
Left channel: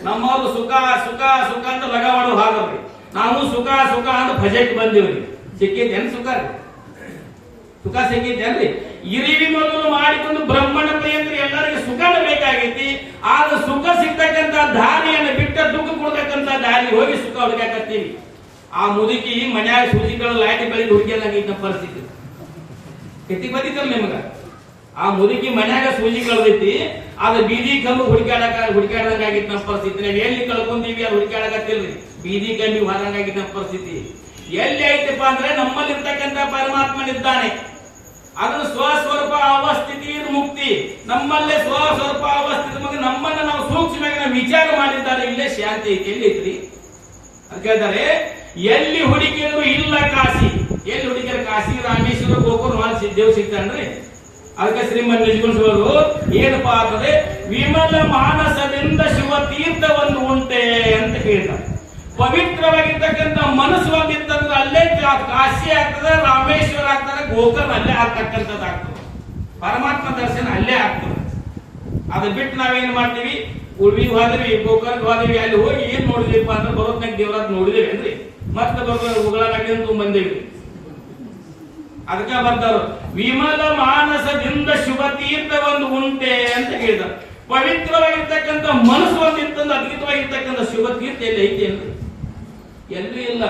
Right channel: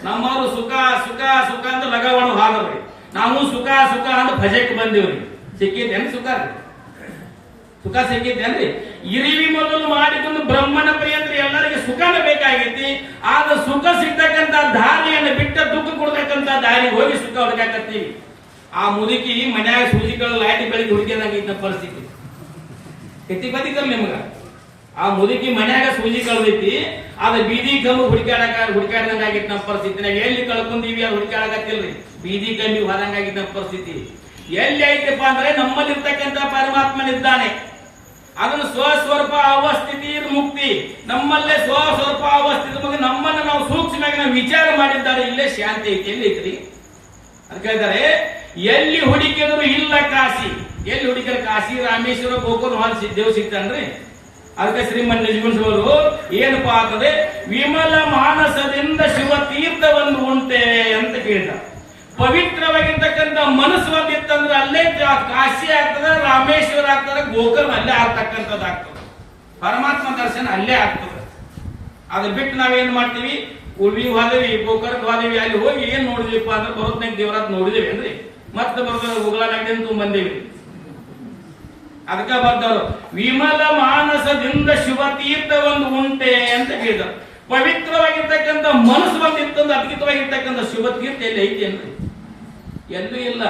ನಮ್ಮವರು ಸುಖ ಸುಖ ಸುಖ ಅಂತ ಲಗಾವಳು ಹಾಗವ್ರಿ. ನಾವು ಸುಖ ಸುಖ ಅಂತ ಭಜಕ್ಕೆ ಬಂದಿವ್ರಿ. ಸಿಕ್ಕೈತೇನು ಸುಖ ರೀ? ಸುಖ ಸಿಕ್ಕೈತೇನ್ರಿ? ಇರಿವಿ ಮೊದಲು ಮಾಡಿಕೊಂಡು ಬ್ರಹ್ಮಣ ಪ್ರಿಯಂದ್ರೆ ಎಲ್ಲರಿಗೆ ಸುಖನ ಬೇಕಾಗೈತಿ. ಆದ್ರೆ ಸುಖ ಸಿಕ್ಕ ಹುಡುಕಾಕತ್ತೀವಿ. ಆ ಮುದುಕಿ ಮನ್ಯಾಗ ಸೂಜಿಗಳು ಲೈಟ್ ಬೆಳಿಗ್ಗೆ ಹುಡುಕಿದಂಗ ಪರಿಸ್ಥಿತಿ ಕೆತ್ತಿ ಬದಿಕಲ್ ನಿಮ್ಗ. ಆ ಮುದುಕಿ ಮನ್ಯಾಗ ಸೂಜಿ ಕಳ್ದೈತಿ, ಅದ ಬೀದಿ ಕಲ್ಲು ಹುಡುಕಾಡ್ದಂಗ ಆಗಿತ್ತು ನಮ್ಮ ಪರಿಸ್ಥಿತಿ. ನಾವು ಎಲ್ಲಿ ಕಳ್ಕೊಂಡೀವಿ ಅದು ಹುಡುಕಾಡಕತ್ತಿಲ್ರಿ, ಬೀದಿ ಕಮ್ಮಿ ಹೋದಂಗ ಆಗಿತ್ತು ನಮ್ಮ ಪರಿಸ್ಥಿತಿ. ಎಲ್ಲಿ ಐತಪ್ಪ ಅಂದ್ರೆ ನಮ್ಮಲ್ಲಿರ್ತಕ್ಕಂಥ ಪರಮಾತ್ಮನಿದ್ದಾನೆ. ಅದನ್ನು ಸ್ವಸ್ವರೂಪ ಅವಸ್ಥಿತಿ ಮುಕ್ತಿ, ನಮ್ಮಲ್ಲೇ ಸ್ವಸ್ವರೂಪ ಅವಸ್ಥಿತಿ ಮುಕ್ತಿ. ನಮ್ಮನ್ನ ನಾವು ಸೂಕ್ಷ್ಮವಾಗಿ ನಾವು ವಿಚಾರ ಮಾಡಿದ್ದಾರೆ, ಇಲ್ಲೇ ಶಾಂತಿ ಐತಿ. ಎಲ್ಲಿ ಐತ್ರಿ ಅಂತ ಕೇಳ್ತಾರೆ. ಎಲ್ಲಿ ಹುಡುಕಿದ್ರು ಇಲ್ಲ ಕಾಶಿ. ಎಲ್ಲಿ ಹುಡುಕಿದ್ರೆ ಕಾಶಿ, ರಾಮೇಶ್ವರ, ಗೋಕುಲ ದೇವ್ ಸಿಗ್ತಾನ್ರಿ. ಅದಕ್ಕೆ ಶ್ರೀಮನ್ ನಿಜಗುಣಿಸುವುದು ಏನಪ್ಪಾ ಅಂತಂದ್ರೆ ವಿಮಲ ಮಾನಸದಿಂದ ಶಿವ ತೀರ್ಥವನ್ನು ಉಂಟೆ ಅಂತ ಕೇಳ್ತಾರೆ. ಪವಿತ್ರವಾಗಿರ್ತಕ್ಕಂಥ ಮನಸ್ಸು ಒಂದಿತ್ತಂದ್ರೆ ಅಲ್ಲೇ ಕಾಶಿ ಆಗ್ತದೆ, ರಾಮೇಶ್ವರ ಆಗ್ತದೆ, ಗೋಕರ್ಣ ಅಲ್ಲೇ ಆಗ್ತಕ್ಕಂಥದ್ದಾಗ್ತದೆ, ಪರಮಾತ್ಮ ದರ್ಶನ ಅಲ್ಲೇ ಆಗ್ತದೆ. ಅದು ಬಿಟ್ಟು ನಾವೇನ್ ಮಾಡ್ತೀವಿ, ಉಳ್ವಿ ಹೋದವಿ, ಗೋಕರ್ಣ ಹೋದವಿ, ಅಲ್ಲಿ ಹೋಗಿ ಏನ್ ನೋಡಿದ್ವಿಪ್ಪ ಅಂದ್ರೆ ಬರೋದ್ನಾಗ ದೇವರಾತ್ ನೋಡಿದೇವಿ ಅಂದ್ರೆ ಮತ್ತೆ ಬರೋದು ಉಗಳಾಗಿ ಬಂದೇವಿ. ಅದಕ್ಕ ಬರ್ತಾರು ವಿಮಲ ಮಾನಸದಿಂದ ಶಿವ ತೀರ್ಥವನ್ನು ಉಂಟೆ ಅಂತ ಹೇಳಿದ್ರು. ಪವಿತ್ರವಾಗಿರ್ತಕ್ಕಂಥ ಮನಸ್ಸು ಒಂದಿತ್ತಂದ್ರೆ ಅದ್ಭುತವಾಗಿರ್ತಕ್ಕಂಥ ಶಿವ ತೀರ್ಥ ಎಲ್ಲಿ ಐತಿ ಅಂದ್ರೆ ಎಲ್ಲೂ ಇಲ್ಲ.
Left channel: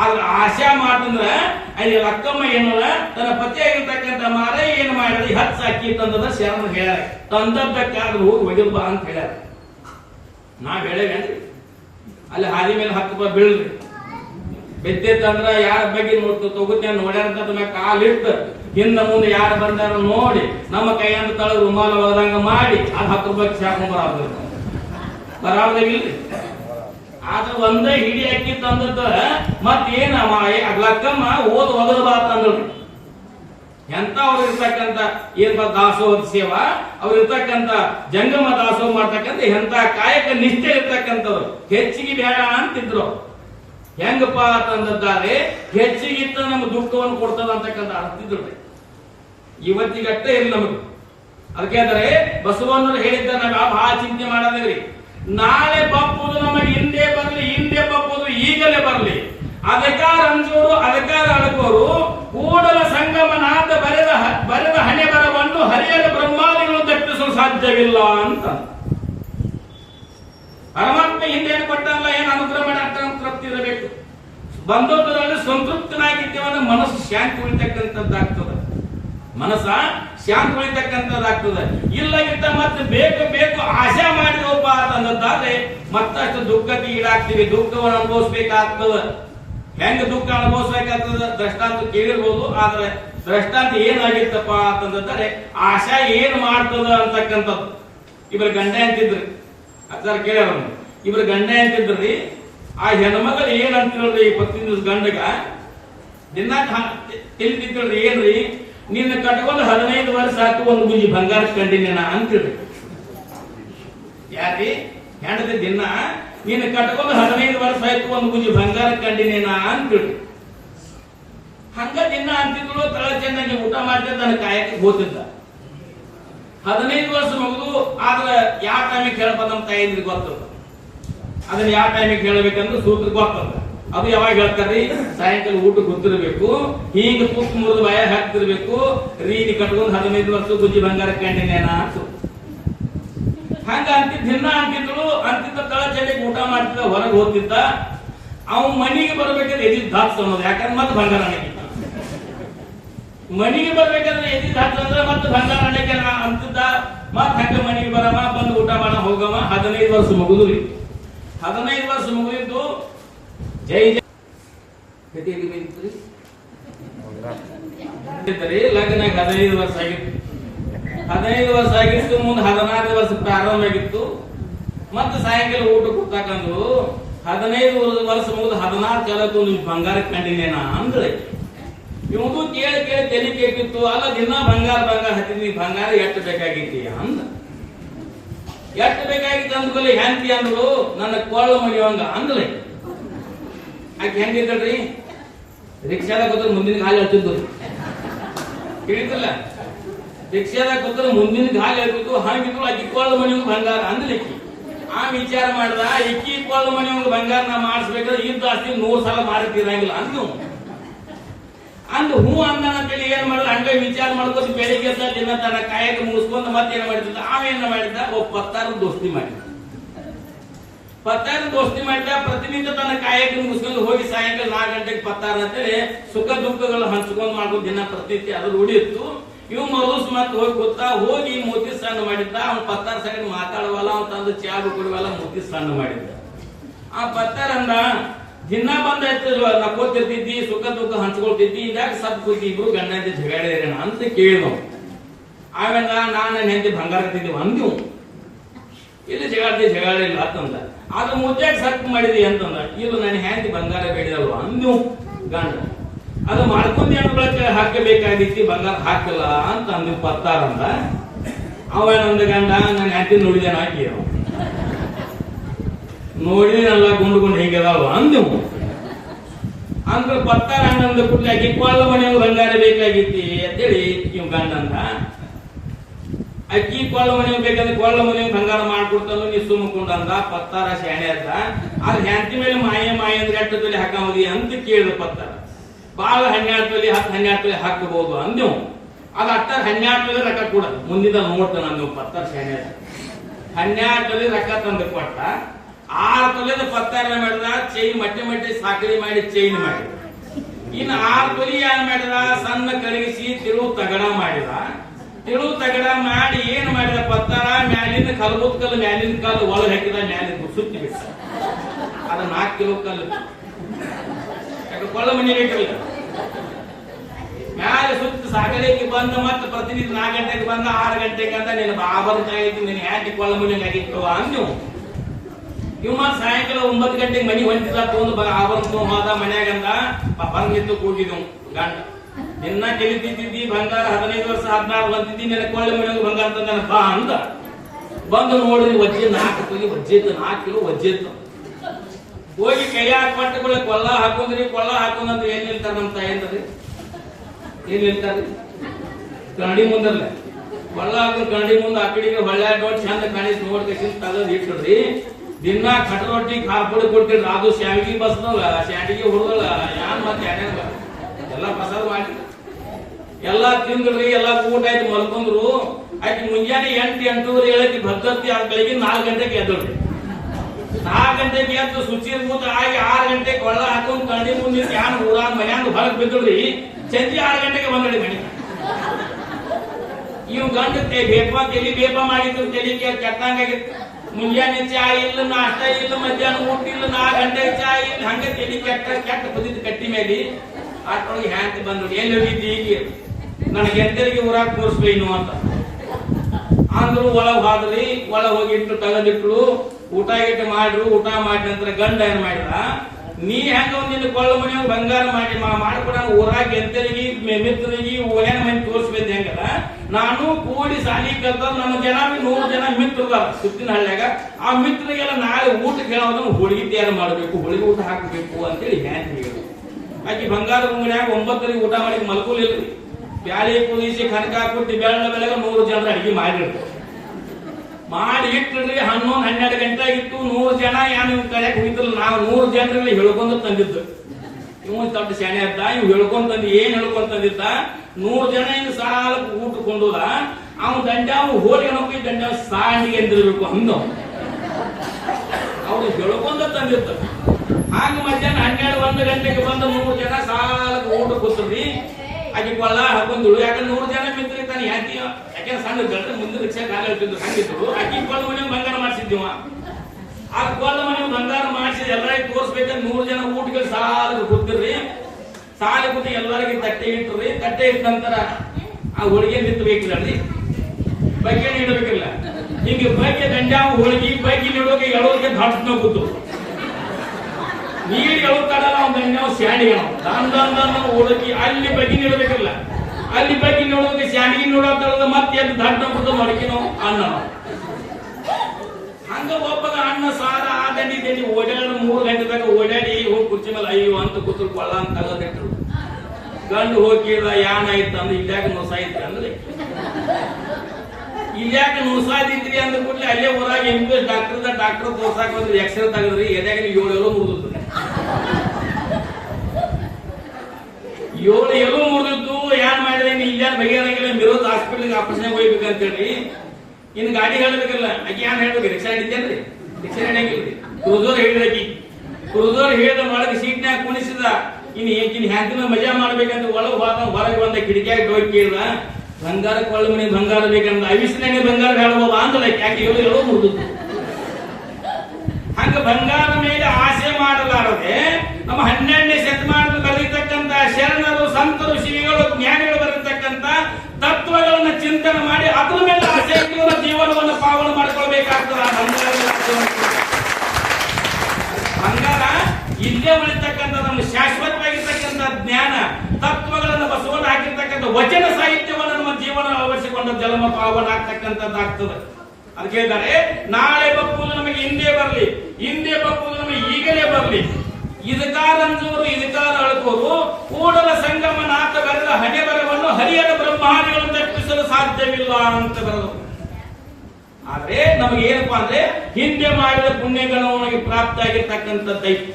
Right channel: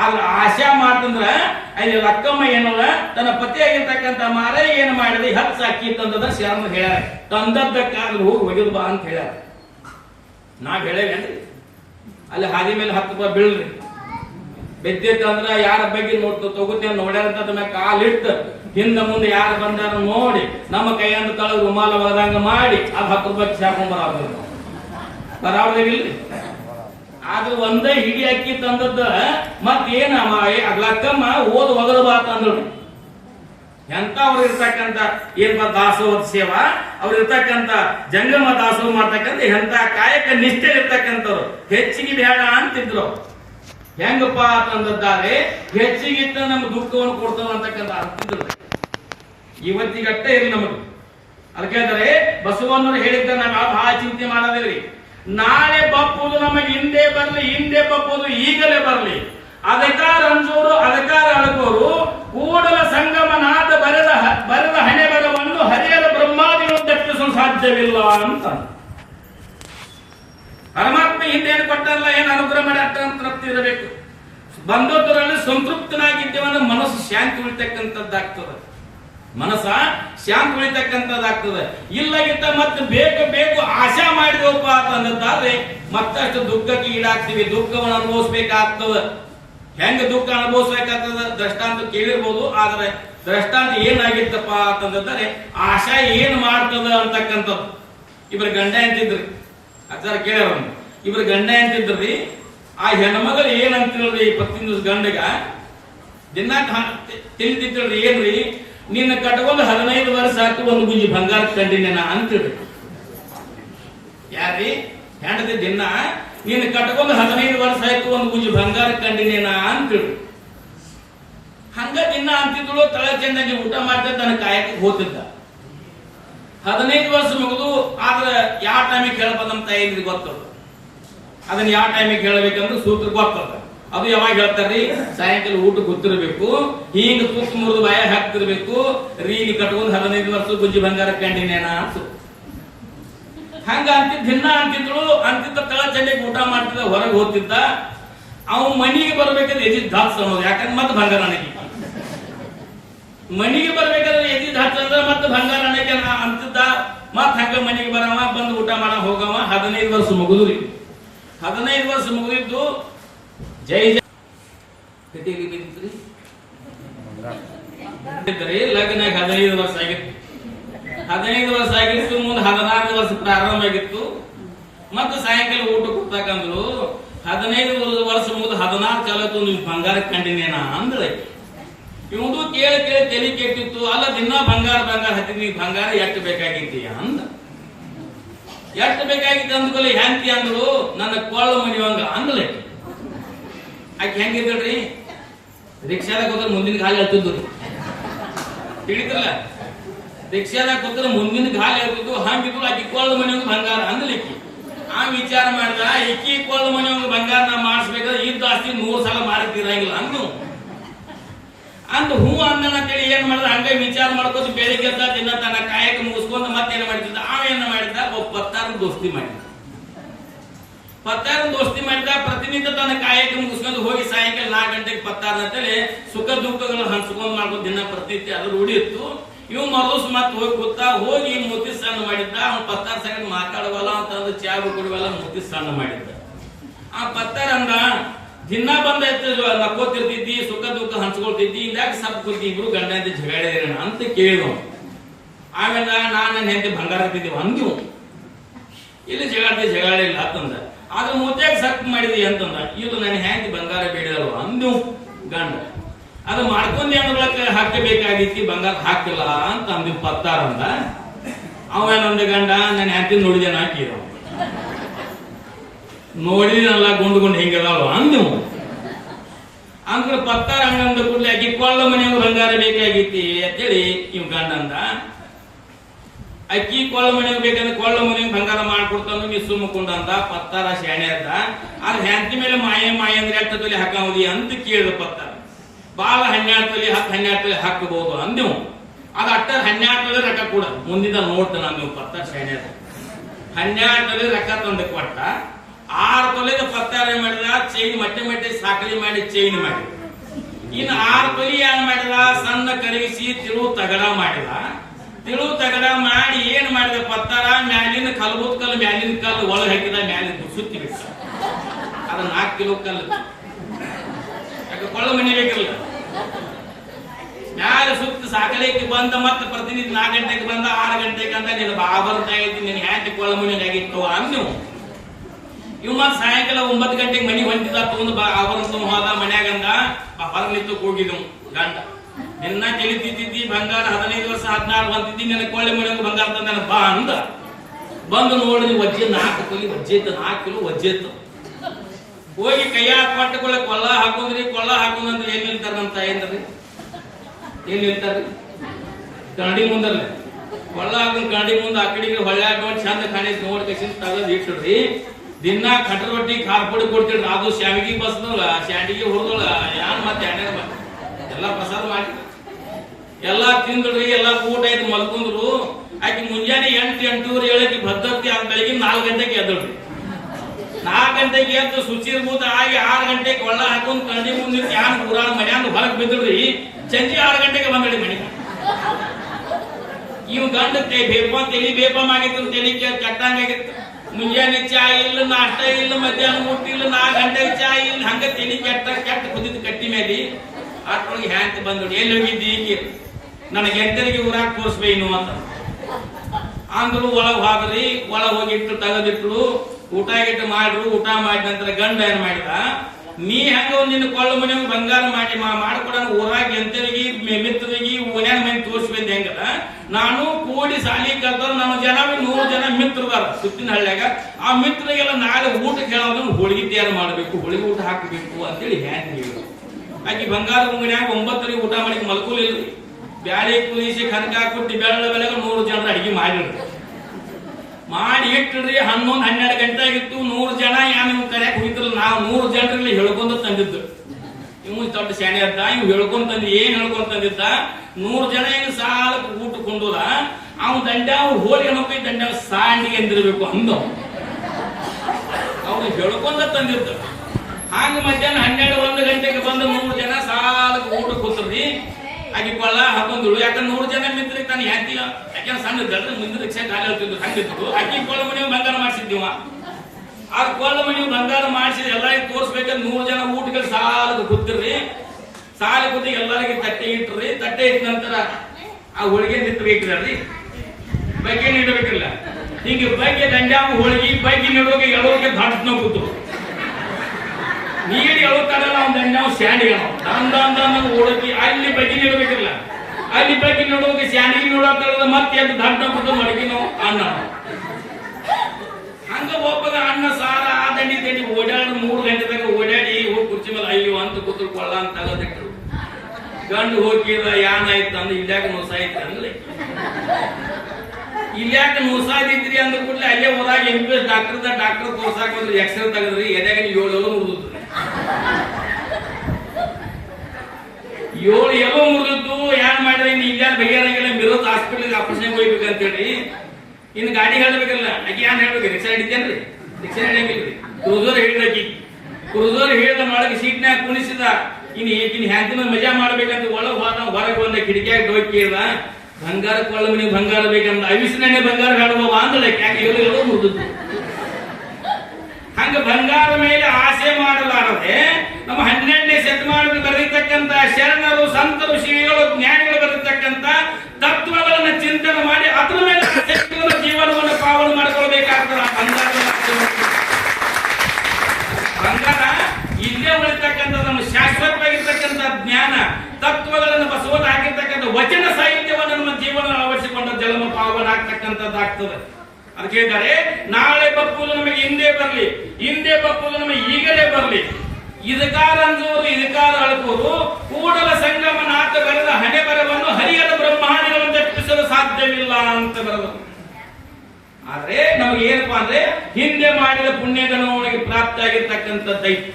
ಆದ್ರೆ ಆಶಾ ಮಾಡ್ತಂದ್ರ ಅಲ್ಲಿ ಅಕ್ಕಮ್ಮ ಏನಲ್ಲ ತನ್ನ ಪತಿಯಾಗಿರ್ತಕ್ಕಂಥ ಮಾರ ಏನ್ ಮಾಡಿದ್ರೆ ಹತ್ತು ಅಕ್ಕಿ ತಂದದ ಶರಣ ಹೇಳ್ಯಾರ, ತಂದದ್ದಕ್ಕಾದ್ರೂ ಹೋಗಿ ಒಗಿದ್ ಬಾ ಅಂತ ಹೇಳ್ಯಾರ. ನಾವ್ ಹೇಳೇವೇನ್ರಿ, ಅಲ್ಲಿ ಹಾದಿ ಮೇಲೆ 10 ರೂಪಾಯಿ ಬೀಳ್ರಿ, ಬೆದ್ದಿತ್ತಂದ್ರ ಯಾರ ಬಗ್ಗೆ ತಗೋತೇವೆ ನೋಡ್ಯಾರಂತ ಮೇಲೆ ಕಾಲಿಟ್ಟು ಹಿಂದ ಮುಂದೆ ಯಾರು ಬಂದಾರ ನೋಡಿ ನಮ್ಮ ಕೈಯಂದು ತಳಗ ರುಮಾಲ ಒಳದಂಗ ಮಾಡಿ ಅದು 10 ರೂಪಾಯಿ ಸಾಕೊಂಡ್ ಬರಾವ್ರಿ. ಆದ್ರೆ ಒಂದೇ ಹಿಡಿ ಅಕ್ಕಿ ತಂದದ್ದ ಮತ್ತೇನ ಲಕ್ಕಮ್ಮ ಓದ್ ಒಗದ ಬಾತ ಅಂದ್ರು. ಎಂತ ಅವ್ರು ಇರ್ತಕ್ಕಂಥ ಏನ್ ದಾಸೋಹ ಸೇವಾ, ಅವ್ರು ಇರ್ತಕ್ಕಂಥ ಜಂಗಮ ದಾಸೋಹ ಮಾಡ್ತಕ್ಕಂಥ ಎಂತ ಕಾಯಕ ನಿಷ್ಠೆ ಇರ್ತಕ್ಕಂಥವ್ರು ಹೆಚ್ಚಿಗೆ ಬೇಡ ಅಂತಿದ್ರು. ಹೆಂಗಪ್ಪ ಅಂತಂದಾದ್ರೆ ಹೆಚ್ಚಿಗಿತ್ತು ನಮ್ಗೆ ದುಃಖವನ್ನು ಕೊಡ್ತದ ಅಂತಕ್ಕಂಥ ಅರ್ತಿದ್ರು. ಇವತ್ತಿಗಟ್ಟೆ ಇಲ್ಲ ನಮಗೆ. ಅದಕ್ಕೆ ಅಂದರೆ ಬಸವಣ್ಣರು ಹೇಳಿದ್ದ ನಾವು ಬಹಳ ಚಿಂತೆ ಮಾಡೋದಿರಿ. ನಾಳೆ ಬಪ್ಪುದು ನಮಗೆ ಹಿಂದೆ ಬರಲಿ, ಹಿಂದೆ ಬಪ್ಪುದು ಈಗಲೇ ಬರಲಿ. ಅದಕ್ಕಾರ ಅಂಜೋರು, ಅದಕ್ಕಾರ ಅಳಗೋರು, ಕೂಡಲ ಸಂಗಮನಾದ ಬರೆದ ಹಣೆ ಬರವನ್ನು ಹರಿಯದ ಬ್ರಹ್ಮಾದಿಗಳು ತಪ್ಪಿಸಲು ಸಾಧ್ಯವಿಲ್ಲ ಅಂತ. ಪರಮಾತ್ಮ ಹಿಂದೆ ಏನು ಕೊಟ್ಟಲ್ಲ, ಏನು ಅನುಗ್ರಹ ಮಾಡಿ ತೃಪ್ತಿ ಇರಬೇಕು. ಬಂದೋದರಲ್ಲಿ ಸಂತೃಪ್ತನಾಗಿದ್ದೇವಂದ್ರೆ ಮನಸ್ಸು ಶಾಂತಿ ಉಳಿತಕ್ಕಂಥದ್ದಾಗ್ತದೆ, ಮನಸ್ಸ ಶಾಂತಿ ಉಳಿತಕ್ಕಂಥದ್ದಾಗ್ತದೆ. ಇಲ್ಲ ಇಂತ ಮತ್ತೆ ಬೇಕು ಬೇಕು ಆಶಾ ಮಾಡಿದವಪ್ಪ ಅಂತಂದಾದ್ರೆ ಮತ್ತಷ್ಟು ದುಃಖಕ್ಕೆ ಈಡಾಗ್ತೀವಿ, ದುಃಖವನ್ನು ಅನುಭವಿಸ್ಬೇಕಾಗ್ತದೆ. ಹೆಂಗ ದುಃಖ ಅನುಭವಿಸ್ಬೇಕಾಗ್ತದೆ ದೃಷ್ಟಾಂತ ಕೇಳಿರ್ಬೋದು. ಆದ್ರೆ ದೃಷ್ಟಾಂತ ಏನಾಗಿತ್ತಪ್ಪ ಅಂತಂದ್ರೆ ಆಶಾ ಏನ್ ಮಾಡ್ತದ ಅಂತಕ್ಕಂಥದ್ದು. ಇಬ್ಬರು ಗಂಡ ಅಂತಿದ್ರಿ, ಆಚಾರ ಕೇಳ್ಯಾರ, ಇಬ್ರು ಗಂಡ ಅಂತಿದ್ರಿ. ಆ ಹೆಣ್ಮಗಳು ಏನಂತ ಹೇಳ್ರಿ, 20 ದಿವಸ ಗಂಡಗ ದಿನ ತಿಳಿದಿದ್ರಿ, ಏನ್ರಿ ನಿನ್ನ ಕಟ್ಕೊಂಡು 15 ವರ್ಷ ಆಯ್ತು, ಒಂದು ಗುಂಜಿ ಬಂಗಾರ ಕಂಡಿನ ಅಂತೇಳಿ. ಯಾರೀ ಹೆಂಡತಿ ದಿನ ನಿನ್ನ ಕಟ್ಕೊಂಡು 15 ವರ್ಷ ಆಯ್ತು, ಒಂದು ಗುಂಜಿ ಬಂಗಾರ ಕಂಡಿನೇನ ಅಂತೇಳಿ. ಹಂಗ ದಿನ ಅಂತಿದ್ಳು. ತಳ ಚೆನ್ನಾಗಿ ಊಟ ಮಾಡ್ತಿದ್ದ, ನನ್ನ ಕಾಯಕ್ಕೆ ಹೋಗ್ತಿದ್ದ. 15 ವರ್ಷ ಮುಗಿದು ಆದ್ರೆ ಯಾವ ಟೈಮಿಗೆ ಕೇಳಪ್ಪ ನಮ್ಮ ತಾಯಿ ಗೊತ್ತದ. ಅದನ್ನ ಯಾವ ಟೈಮಿಗೆ ಹೇಳಬೇಕಂದ್ರೆ ಸೂತ್ರ ಗೊತ್ತದ. ಅದು ಯಾವಾಗ ಹೇಳ್ತಾರ್ರಿ, ಸಾಯಂಕಾಲ ಊಟ ಗೊತ್ತಿರಬೇಕು, ಹಿಂಗ ತುತ್ತು ಮುರಿದು ಭಯ ಹಾಕ್ತಿರ್ಬೇಕು. ರೀಲಿ ಕಟ್ಕೊಂಡು 15 ವರ್ಷ ಗುಜ್ಜಿ ಬಂಗಾರ ಕಂಡಿನೇನ ಅಂತ ಹಂಗ ಅಂತಿದ್ ದಿನ ಅಂತಿದ್ಳು. ಅಂತಿದ್ದ ತಳ ಚೆನ್ನಾಗಿ ಊಟ ಮಾಡ್ತಿದ್ದ, ಹೊರಗೆ ಹೋಗ್ತಿದ್ದ. ಅವ್ ಮನಿಗೆ ಬರ್ಬೇಕಾದ್ರೆ ಎದಿದ್ ಧಾತ್ ಅನ್ನೋದು, ಯಾಕಂದ್ರೆ ಮತ್ತೆ ಬಂಗಾರ ಅನ್ನಕ್ಕೆ ಮನಿಗೆ ಬರ್ಬೇಕಾದ್ರೆ ಎದಿದ್ ಧಾತ್ ಅಂದ್ರೆ ಮತ್ತೆ ಬಂಗಾರ ಅನ್ನಕ್ಕೆ ಅಂತಿದ್ದ. ಮತ್ ಹಂಗ ಮನಿಗೆ ಬರವ, ಬಂದು ಊಟ ಮಾಡ ಹೋಗವ. 15 ವರ್ಷ ಮುಗಿದ್ರಿ. 15 ವರ್ಷ ಮುಗಿದಿದ್ದು ಜೈ ಜೈ ಲಗ್ನ 15 ವರ್ಷ ಆಗಿತ್ತು. 15 ವರ್ಷ ಆಗಿತ್ತು, ಮುಂದೆ 16 ವರ್ಷ ಪ್ರಾರಂಭ ಆಗಿತ್ತು. ಮತ್ತೆ ಸಾಯಂಕಾಲ ಊಟ ಕೂತಾಕಂದ್ರು 15 ವರ್ಷ ಮುಗಿದು 16 ಚಲೋ ನಿಮ್ ಬಂಗಾರ ಕಂಡಿನೇನ ಅಂದ್ರೆ ಇವುದು ಕೇಳಿ ಕೇಳಿ ತಲೆ ಕೆಟ್ಟಿತ್ತು. ಅಲ್ಲ ದಿನ ಬಂಗಾರ ಹತ್ತಿದ್ವಿ, ಬಂಗಾರ ಎಷ್ಟು ಬೇಕಾಗಿತ್ತು ಅಂದ. ಎಷ್ಟು ಬೇಕಾಗಿತ್ತು ಅಂದ್ಕೊಳ್ಳಿ. ಹೆಂಡತಿ ಅಂದ್ರು ನನ್ನ ಕೊಳ್ಳ ಮನಿವಂಗ ಅಂದ್ಲೆ. ಆಕೆ ಹೆಂಗಿದ್ರಿ, ರಿಕ್ಷಾದಾಗ ಕೂತ್ರೆ ಮುಂದಿನ ಗಾಲಿ ಹೇಳ್ತಿದ್ದು, ತಿಳಿದ್ರಲ್ಲ, ರಿಕ್ಷಾದಾಗ ಕೂತ್ರೆ ಮುಂದಿನ ಗಾಲಿ ಹೇಳ್ತಿದ್ದು. ಹಂಗಿದ್ರು ಆಕಿ ಕೊಳ್ಳ ಮನಿವಂಗ ಬಂಗಾರ ಅಂದ್ಲಿಕ್ಕಿ. ಆ ವಿಚಾರ ಮಾಡ್ದ, ಇಕ್ಕಿ ಕೊಳ್ಳ ಮನಿವಂಗ ಬಂಗಾರ ನಾ ಮಾಡಿಸ್ಬೇಕಾದ್ರೆ ಇದ್ದು ಆಸ್ತಿ 100 ಸಲ ಮಾಡಿದ್ದಿರಂಗಿಲ್ಲ ಅಂದು ಅಂದ್ ಹೂ ಅಂದ ಅಂತೇಳಿ ಏನ್ ಮಾಡಿದ, ಹಂಗ ವಿಚಾರ ಮಾಡ್ಕೋತ ಬೆಳಿಗ್ಗೆ ದಿನ ತನ್ನ ಕಾಯಕ ಮುಗಿಸ್ಕೊಂಡ ಮತ್ತೇನ್ ಮಾಡಿದ್ದ, ಅವೇನ ಮಾಡಿದ್ದ, ಒಬ್ಬ 10 ದೋಸ್ತಿ ಮಾಡಿದ. ಪತ್ತಾರ ದೋಸ್ತಿ ಮಾಡಿದ ಪ್ರತಿನಿತ್ಯ ತನ್ನ ಕಾಯಕ್ಕೆ ಮುಗಿಸ್ಕೊಂಡು ಹೋಗಿ ಸಾಯಂಕಾಲ 4 ಗಂಟೆಗೆ ಪತ್ತಾರ ಅಂತೇಳಿ ಸುಖ ದುಃಖಗಳು ಹಂಚ್ಕೊಂಡ್ ಮಾಡ್ಕೊಂಡು ದಿನ ಪ್ರತಿನಿತ್ಯ ಅದು ರೂಢಿ ಇತ್ತು. ಇವ್ ಮರುಸ್ ಮತ್ ಹೋಗಿ ಗೊತ್ತಾ ಹೋಗಿ ಮೋತಿ ಸಣ್ಣ ಮಾಡಿದ್ದ. ಅವ್ನು ಪತ್ತಾರ ಸಂಗತಿ ಮಾತಾಡುವಲ್ಲ ಅಂತಂದು ಚಾ ಕುಡಿವಲ್ಲ ಮೋತಿ ಸಣ್ಣ ಮಾಡಿದ್ದ. ಆ ಪತ್ತಾರ ಅಂದ ದಿನ ಬಂದಾಯ್ತು ನಕ್ಕೋತಿರ್ತಿದ್ದಿ ಸುಖ ದುಃಖ ಹಂಚ್ಕೊಳ್ತಿದ್ದಿ ಇದಾಗ ಸಬ್ ಕೂತಿ ಇಬ್ರು ಗಂಡ ಅಂತ ಜಗಳಿರೋಣ ಅಂತ ಕೇಳಿದವು. ಆಮೇಲೆ ನಾನು ನನ್ನ ಹೆಂಡತಿ ಬಂಗಾರ ತಿಂದಿವಿ ಅಂದಿವು. ಇಲ್ಲಿ ಜಗಳಿಲ್ಲ ಅಂತಂದ. ಆದ್ರೆ ಮುದ್ದಾಗ ಸಕ್ ಮಾಡಿದಿ ಅಂತಂದ. ಇದು ನನ್ನ ಹೆಂಡತಿ ಬಂಗಾರ ಬೇಡಲ್ವ ಅಂದಿವು ಗಂಡ. ಅದು ಮಾಡ್ಕೊಂಡ್ ಏನೊಳಗೆ ಹಾಕಬೇಕಾಗಿತ್ತು ಬಂಗಾರ ಹಾಕಿಲ್ಲ ಅಂತ ಅಂದಿವ್ ಪತ್ತಾರ ಅಂದ. ಅವೇನಂದ ಗಂಡ ನನ್ನ ಹೆಂಡತಿ ನೋಡಿದೆ ಹಾಕಿ ನೋಡಿದಲ್ಲ ಗುಂಡು ಹಿಂಗದಲ್ವ ಅಂದಿವು. ಅಂದ್ರೆ ಪತ್ತಾರ ಹಂಗಂದ ಕೂಡಲೇ ಆಕಿ ಕೊಳ್ಳ ಮನೆಯಾಗ ಬಂಗಾರ ಬೇಕಾಗಿತ್ತಿ ಅಂತೇಳಿ ಇವ್ ಗಂಡ ಅಂದ. ಅಕ್ಕಿ ಕೊಳ್ಳ ಮನೆಯಾಗ ಬೇಕಂದ್ರೆ ಕೊಳ್ಳ ಮನೆಯಾಗ ಬಂಗಾರ ಮಾಡ್ಕೊಡ್ತಾನು ನೀ ಸುಮ್ಮಕೊಂಡಂದ. ಪತ್ತಾರ ಶಾಣೆ ಅದ್ದ. ಆದ್ರೆ ಹೆಂಡತಿ ಮೇಲೆ ಮಾಯ ಅಂದ್ರೆ 8 ತೊಲೆ ಹಾಕಿ ಅಂತ ಕೇಳಿದ ಪತ್ತಾರ. ಬಾಳ 12 ತೊಲೆ 12 ತೊಲೆ ಹಾಕಬಹುದು ಅಂದೆವು. ಅದು ಅಟ್ಟ 12 ತೊಲೆ ರೊಕ್ಕ ಕೂಡ ಮುಂದಿನ ನೋಡ್ತಾನ ಅಂದೆವು. ಪತ್ತಾರ ಶಾಣೆ ಅದ. 12 ತೊಲೆ ರೊಕ್ಕ ತಂದು ಕೊಟ್ಟ. 6 ತೊಲೆದ ಪತ್ತಾರ ಮಾಡಿದ ಚೈನ್ ಮಟ್ಟೆ ಸಾಕಲಿ ಮಾಡಿ ಚೈನ್ ಮಾಡಿದ. ಇನ್ನು 6 ತೊಲೆ ಏನ್ ಮಾಡಿದ ಸಣ್ಣ ಕರಗಿಸಿ ತಿಳು ತಗಡ ಮಾಡಿದ. ತಿಳು ತಗಡ ಮಾಡಿ ಏನ್ ಮಾಡಿದ ಪತ್ತಾರ ಮ್ಯಾಲಿನ ಕಲ್ಬೂತ್ ಕಲ್ಲು ಮ್ಯಾಲಿನ ಕಲ್ಲು ಒಳಗೆ ಹಾಕಿದ ಮ್ಯಾಲಿನ ಸುತ್ತಿ ಬಿಟ್ಟ. ಅದು 4 ಕಿಲೋ ಕಲ್ಲು. ಯಾಕೆ ಕೊಳ್ಳ ಮನೆ ಬೇಕಿರಲ್ಲ. ಮ್ಯಾಲೆ ಸುತ್ತ ಸಾಕಲಿಕ್ಕೆ ಬಂದ ಮತ್ತೆ ಪ್ರತಿನಿಧಿ 4 ಗಂಟೆಗೆ ಬಂದ 6 ಗಂಟೆಗೆ ಅಂತ ನೀನು ಬರ್ತಾ ಇದ್ದೀನಿ ನೀನು ಹ್ಯಾಂಟಿ ಕೊಳ್ಳ ಮನೆಯಾಗ ಆಗಿತ್ತು ಅಂದ್ನು. ಇವ್ ಮತ್ ಸಾಯಂಕಾಲ 9 ಗಂಟೆಗೆ ಮನಿ ಹೊಂಟಿದ ತಗೊಂಡು ಆವರಣ ಹೋದ ಮನ್ಯಾಗಂದ ಹೊರಗೆ ನಿಂತು ಕೂಗಿದ್ವು ಗಂಡ. ನಿನ್ನ ತಿಳಿತಿದ್ದಿ ಬಂಗಾರ 15 ವರ್ಷ 16 ಬಂದಿದ್ದಿ ನಿನ್ನ ಕೊಳ್ಳೆ ಮನೆಯಾಗ ಬಂಗಾರ ತಂದ ಬಾ ಅಂದ. ಬಂದು ನೋಡ್ರಿ ವಜ್ಜೆ 4 ತೊಲಿ ವಜ್ಜೆ ಇತ್ತು 4 ಕಿಲೋ ವಜ್ಜೆ ಇತ್ತು. ಹೋಗಿ ಕೈಯಾಗ ಕೊಟ್ಟಗಳ ಕೊಳ್ಳ ಹಾಕೊಂಡ್ರಿ ಕೊಳ್ಳ ಹಾಕೊಂಡ್ರೆ ಏನ್ ಹೇಳ್ತಾರ ನಮ್ ತಾಯಂದ್ರಿ ಏನ್ ಹೇಳ್ತಾರ್ರಿ ಕನ್ನಡಿ ಮುಂದಲ್ಲ ಕೊಳ್ಳ ಹಾಕೊಂಡ್ ಕನ್ನಡಿ ಮುಂದೆ ಆ ಕಡೆಗೆ ಹೊಳ್ಳೆ ನೋಡಿ ಚಂದ ಕಾಣಿಸ್ ನೋಡಿ ಕಸಿನ್ ತಗದ್ ಇಟ್ಟಿಡ್ರಿ. ದಿನ ಕಟ್ಟ ರೊಟ್ಟಿ ಖಾರ ಪುಡಿ ಕೊಡ್ತಿಡ್ರಿ. ಅದು ಶಾವಿಗೆ ಬಸ್ನಲ್ಲ ಶಾಂಡಿಗೆ ಹುಡುಗಲ್ಲ ಯಾನ್ ಮತ್ತೆ ಎಲ್ಲ ಪ್ರಸಾದ ಮಾಡಿ ಎಲ್ಲಾ ತಿಂದ್ರಿ ಎಲ್ಲಾ ಊಟ ಆಯ್ತು ಮಲ್ಕೊಂಡ್ರು. ಆಕಿ ಮುಂಜಾನೆ 8, 8:30 ಹೇಳಕ್ಕೆ ಭದ್ರತೆ ಆದ ಬೆಳಿಗ್ಗೆ 4 ಗಂಟೆಗೆ ಎದ್ದಳ್ರಿ. 4 ಗಂಟೆಗೆ ಎದ್ದು ಶುಚಿರ್ಭೂತ ಆಗಿ 6 ಗಂಟೆಗೆ ಕೊಳ್ಳ ಹಾಕೊಂಡ್ ಕಣ್ಣಿ ಮುಂದೆ ಯಾನ್ ಊರಾಳ ಮನ್ಯಾಂದು ಹೊರಗೆ ಬಿದ್ದಳ್ರಿ. ಸಂಜೆ 6 ಗಂಟೆಗೆ ಬಂದಳಿ ಮನೆ. ಇವ್ ಗಂಡ ತಲಿ ಬೇಪ ಮಾಡಿದ್ರು ತಲಿ ಕೆಟ್ಟಂಗಾಗಿತ್ತು. ಮುಂಜಾನೆ ಚಾ ಇಲ್ಲ ನಾಷ್ಟ ಇಲ್ಲ ಮಧ್ಯಾಹ್ನ ಊಟ ಇಲ್ಲ 4 ಗಂಟೆಗೆ ಚಾ ಇಲ್ಲ ಹಂಗ ತಲಿ ಕೆಟ್ಟ ಕುದಿದ್ ಕಟ್ಟಿ ಮೇಲೆ ಅಷ್ಟೊಳಗೆ ಹ್ಯಾಂತಿ ಬಂದ್ಬಿಡಿ. ಎಲ್ಲಿ ಹೋಗಿದ್ದಿ ಈಗ ನನಗೆ 8ರಿಗೆ ಊರಾಗ ತೋರಿಸ್ಬೇನು ಅಂತ ಅಂದ್ರು. ಒಳಗ್ ಹೋದ್ರಿ. ಒಳಗ್ ಹೋಗಿಟ್ಟು ತಗದಿಟ್ರು ಊಟ ಗಿಟ್ಟು ಮಾಡ್ರು. ಊಟ ಮಾಡಿದ ನಂತರ ಗಂಡ ಏನ್ ಮಾಡಿದ ನೀ ಹೆಂಗ ನಿನ್ನ ಕೊಳ್ಳ ಮನೆಯಾಗ ಬಂಗಾರ ಮಾಡ್ಕೊಡಂಗ ಊರಾಗ ಎಂತರಿಗೆ ಮಿತ್ರರಿಗೆ ಓನ್ಯಾನ ಮನೆ ತೋರಿಸ್ಬೇಕು ಹೆಂಗದ ನಾನು ಕೂಡಿ ಸಾಲಿ ಕಲ್ತ ನಮ್ಮ ಜನ 100 ಜನ ಮಿತ್ರದಾರ ಸುತ್ತಿನ ಹಳ್ಳಿಯಾಗ. ಆ ಮಿತ್ರರಿಗೆಲ್ಲ ನಾಳೆ ಊಟಕ್ಕೆ ಹೇಳೋದು ಹೋಳಿಗೆ ತಯಾರು ಮಾಡಬೇಕು ಹೋಳಿಗೆ ಊಟ ಹಾಕಬೇಕು ಅಂತೇಳಿ ಹ್ಯಾಂಗ್ ಹೇಳು. ಆಕಿ ಬಂಗಾರ ಅಂಗಡಿಯಾಗ 9ರಿಗೆ ಊಟ ಮಾಡಿ ಮಲ್ಕೊಲಿಲ್ರಿ. ಬ್ಯಾಳಿ ಕುದಿಸಿ ಕನಕ ಹಾಕ್ಬಿಟ್ಟು ಬೆಳಗ್ಗೆ 100 ಜನರ ಅಡಿಗೆ ಮಾಡಿರ್ತಾರೆ. ಮಾಡಿ ಇಟ್ರಿ 11, 12 ಗಂಟೆ ಆಗಿತ್ತು. 100 ಜನ ಏನ್ ಕರೆಯಕ್ ಹೋಗಿದ್ರಲ್ಲ ನಾವು 100 ಜನರಲ್ಲಿ ಹೇಳ್ಕೊಂಡ ತಂದಿದ್ದು. ಇವ್ ದೊಡ್ಡ ಶಾಣೆ ಅದ್ದ. ಇವ್ ಹೇಳ್ಕೊಂಡ್ ತಂದಿ ಏನ್ ಹೇಳ್ಕೊಂಡ್ ತಂದಿದ್ದ 100 ಜನ ಇನ್ನು ಸಾಲಕ್ಕೆ ಊಟ ಕೊಂಡೋದ. ಅವ್ನು ದಂಡ್ಯಾವ್ ಹೋಳಿಗೆ ನೋಕಿ ದಂಡ್ಯಾವ್ ಸಾಂಡಿಗೆ ಎಂದಿರ್ಬೇಕು ಅಂದ. ಅವ್ರು ಹೇಳ್ಕೊಂಡ ತಂದಿದ್ದ. ಹಾಗೆ ಮಧ್ಯಾಹ್ನ 12, 1 ಗಂಟೆಗೆ ಬಂದ 100 ಜನ ಸಾಲಕ್ಕೆ ಊಟ ಕೂತ್ರಿ. ಆಕಿ ಕೊಳ್ಳ ಹಾಕೊಂಡ್ಳು. ಯಾಕಂದ್ರೆ 100 ಜನ ಮಿತ್ರಿಗೆ ತಾನು ಯಾಕೆ ಯಾಕಂದ್ರೆ ಸಣ್ಣ ದಡ್ರೆ ಮುಂದೆ ರಿಕ್ಷಾ ಕಾಲ ಹೇಳ್ತಿದ್ರು ಹಂಗಿದ್ರು. ಆಕಿ ಕೊಳ್ಳ ಮನೆಗೆ ಬಂಗಾರ ಮಾಡಿಸಿದ್ದೀವ. ಆ ಕೊಳ್ಳ ಮನೆಗೆ ಬಂಗಾರ ಮಾಡಿಸಿದ ಎಲ್ಲರಿಗೂ ತೋರಿಸ್ಬೇಕಂದ್ರೆ 100 ಜನ ಊಟಕ್ಕೆ ಸಾಲಕ್ಕೆ ಕೂತಿರ್ರಿ. ಸಾಲ ಕೂತಿ ಎಲ್ಲರಿಗೆ ತಟ್ಟೆ ಇಟ್ರಿ. ತಟ್ಟೆ ಇಟ್ಟ ನಂತರ ಆ ಹೋಳಿಗೆ ನಿಂತ್ಬೇಕಿದ್ರಿ ಬಗ್ಗೆ ನೀಡಬೇಕಿಲ್ಲ. ಹಿಂಗೆ ಬಗ್ಗೆ ದಂಡ್ಯಾವ ಹೋಳಿಗೆ ಬಗ್ಗೆ ನೀಡೋಕೆ ಎಳೋಕೆ ದಾಟ್ನ ಕೂತು ನೀಡಿ ಎಳೋಕಾಲ ನಾವು ದಂಡ್ಯಾವ ಶಾಣಿಗಳು ದಂದ ಓಡೋಕೆ ಅಲ್ಲಿ ಬಗ್ಗೆ ನೀಡಬೇಕಿಲ್ಲ. ಅಲ್ಲಿ ಬಗ್ಗೆ ನೋಡೋಕೆ ಶಾಣಿಗೆ ನೋಡೋದ ಮತ್ತೆ ಅದು ದಾಟ್ನ ಕೂತು ಮಡಕಿ ನಾವು ಅನ್ನ ಹಂಗ ಒಬ್ಬಗ ಅನ್ನ ಸಾರ ಆ ದಂಡಿ ಓಡಾಡಿ 3 ಗಂಟೆ ತನಕ ಓಡಾಡಿ ಹೋಗಿ ಕುರ್ಚಿ ಮೇಲೆ ಅಯ್ಯೋ ಅಂತ ಕೂತು ಕೊಳ್ಳ ಅಂತ ತಗೋದಿಟ್ರು. ಗಂಡು ಹೋಗಿದ ಯಾನ ಐತ ಅಂದ್ರೆ ಇಲ್ಯಾಕ ನೋಸ ಐತಿ ಅಂದ್ರೆ ಇಲ್ಯಾಕ ನೋಸಾದಿದ್ರಿ ಅಂದ ಕೂಡಲೇ ಅಲ್ಲೇ ಊರಾಗ MBBS ಡಾಕ್ಟರ್ ತೋರ್ಸಾಕ ಬಂದ್ರಿ. ಎಕ್ಸ್ರೇ ತೆಗದ್ರಿ. ಎದ್ಯಾಗ 7 ಎಲೋ ಮುರಿದ್ರು. 7 ಎಲೋ ಮುರಿದಿದ್ದು ಏನ್ ಮಾಡಿದ್ರಿ ಇಲ್ಯಾಕ ಬಗೆಹರಂಗಿಲ್ಲ. ಮಿರೋತ್ ಹಾಸ್ಪಿಟಲ್ ಆಪರೇಷನ್ ಹೋಗ್ಬೇಕಂತೇಳಿ ಇನ್ನು ಗಾಡಿ ಹೇಳ್ಬೇಕಲ್ಲ. ಆಕೆ ಏನ್ ಹೇಳ್ಬೇಕು ರಿಕ್ಷಾ ಹಿಡಿತೇನ್ರಿ ರಿಕ್ಷಾ ಹಿಡಿಯಂಗಿಲ್ರಿ. ಕ್ರೂಸರ್ ಹೇಳಿದಕಿ ಕ್ರೂಸರ್ ಹೇಳಿದ ಮಾಡಕ್ಕೆ ಸೀಟ್ನ್ಯಾಗ ಕುಣಿಸಿದ. ಇನ್ನು ಹ್ಯಾಂಕಿನ ಮಜಾ ಮಾಡ್ಬೇಕಂತ ಒಳಗೆ ಹೋದ. ಹೊರಗೆ ಬಂದ ಕಿಟಕಿಯಾಗ ಹೋಗಿ ಕೇಳ್ದ, ಬಂಗಾರ ಕೊಳ್ಳ ಮನೆ ಬಂಗಾರ ಬೇಕಂತ. ಅವಿಸ್ನೇ ಬಂಗಾರ ಹೇಳುವ ಅಂದಳ. ಯಾಕೆ ಹೇಳೋ ಮುರಿದು ಹಂಗ ಬಂಗಾರ ಮೇಲೆ ಆಸೆ ಮಾಡಲಾರದೆ ನಮ್ಮ 12ನೇ ಶತಮಾನದಲ್ಲಿ ಬರೆದಿರ್ತಕ್ಕಂಥ ಶರಣರು, ಸಂತರು, ಶ್ರೀಗಳು, ಜ್ಞಾನಿಗಳು ಬರೆದಿರ್ತಕ್ಕಂಥ ತತ್ವಗಳನ್ನ ಚಿಂತನೆ ಮಾಡಿ ಅದ್ರ ಮೇಲೆ ಆಸೆ ಇಟ್ಟು ಜೀವನವನ್ನು ಪಾವನ ಮಾಡ್ಕೊಳ್ಬೇಕಾಗ್ತದ. ಬಂಗಾರ ಇಲ್ಲೇ ಉಳಿತಕ್ಕಂಥ ನಮ್ಮ ಶಾಶ್ವತವಾಗಿರ್ತಕ್ಕಂಥ ಜ್ಞಾನ ತತ್ವಗಳನ್ನು ಬಸವಣ್ಣ ಹಾಕಿರ್ತಕ್ಕಂಥ ವಚನ ಸಾಹಿತ್ಯವನ್ನು ನಮ್ಮ ಜೀವನ ಅಳವಡಿಸಿಕೊಂಡ ಜನ್ಮ ಪಾವನ ಆಗ್ತಕ್ಕಂಥದ್ದಾಗ್ತದೆ. ಅದಕ್ಕೆ ಹೇಳ್ತಾರೆ, ನಾಳೆ ಬಪ್ಪುದು ನಮಗೆ ಹಿಂದೆ ಬರಲಿ, ಹಿಂದೆ ಬಪ್ಪುದು ನಮಗೆ ಈಗಲೇ ಬರಲಿ. ಇದಕಾರ ಅಂಜುವರು, ಇದಕಾರ ಅಳಕೋರು, ಕೂಡಲ ಸಂಗಮನಾಥ ಬರೆದ ಹಣೆ ಬರವನ್ನು ಹರಿಯದ ಬ್ರಹ್ಮಾದಿಗಳನ್ನು ತಪ್ಪಿಸಲು ಸಾಧ್ಯವಿಲ್ಲ ಅಂತ ಬರೆದರು. ಆದ್ರೆ ನಮಗೆ ಏನಪ್ಪಾ ಅಂದ್ರೆ ಹಿಂದೆ ಮಾಡಿದ ಪುಣ್ಯಗಣವನಿಗೆ ಪ್ರಾಪ್ತ ಆಗಿರ್ತಕ್ಕಂಥದ್ದೈತಿ.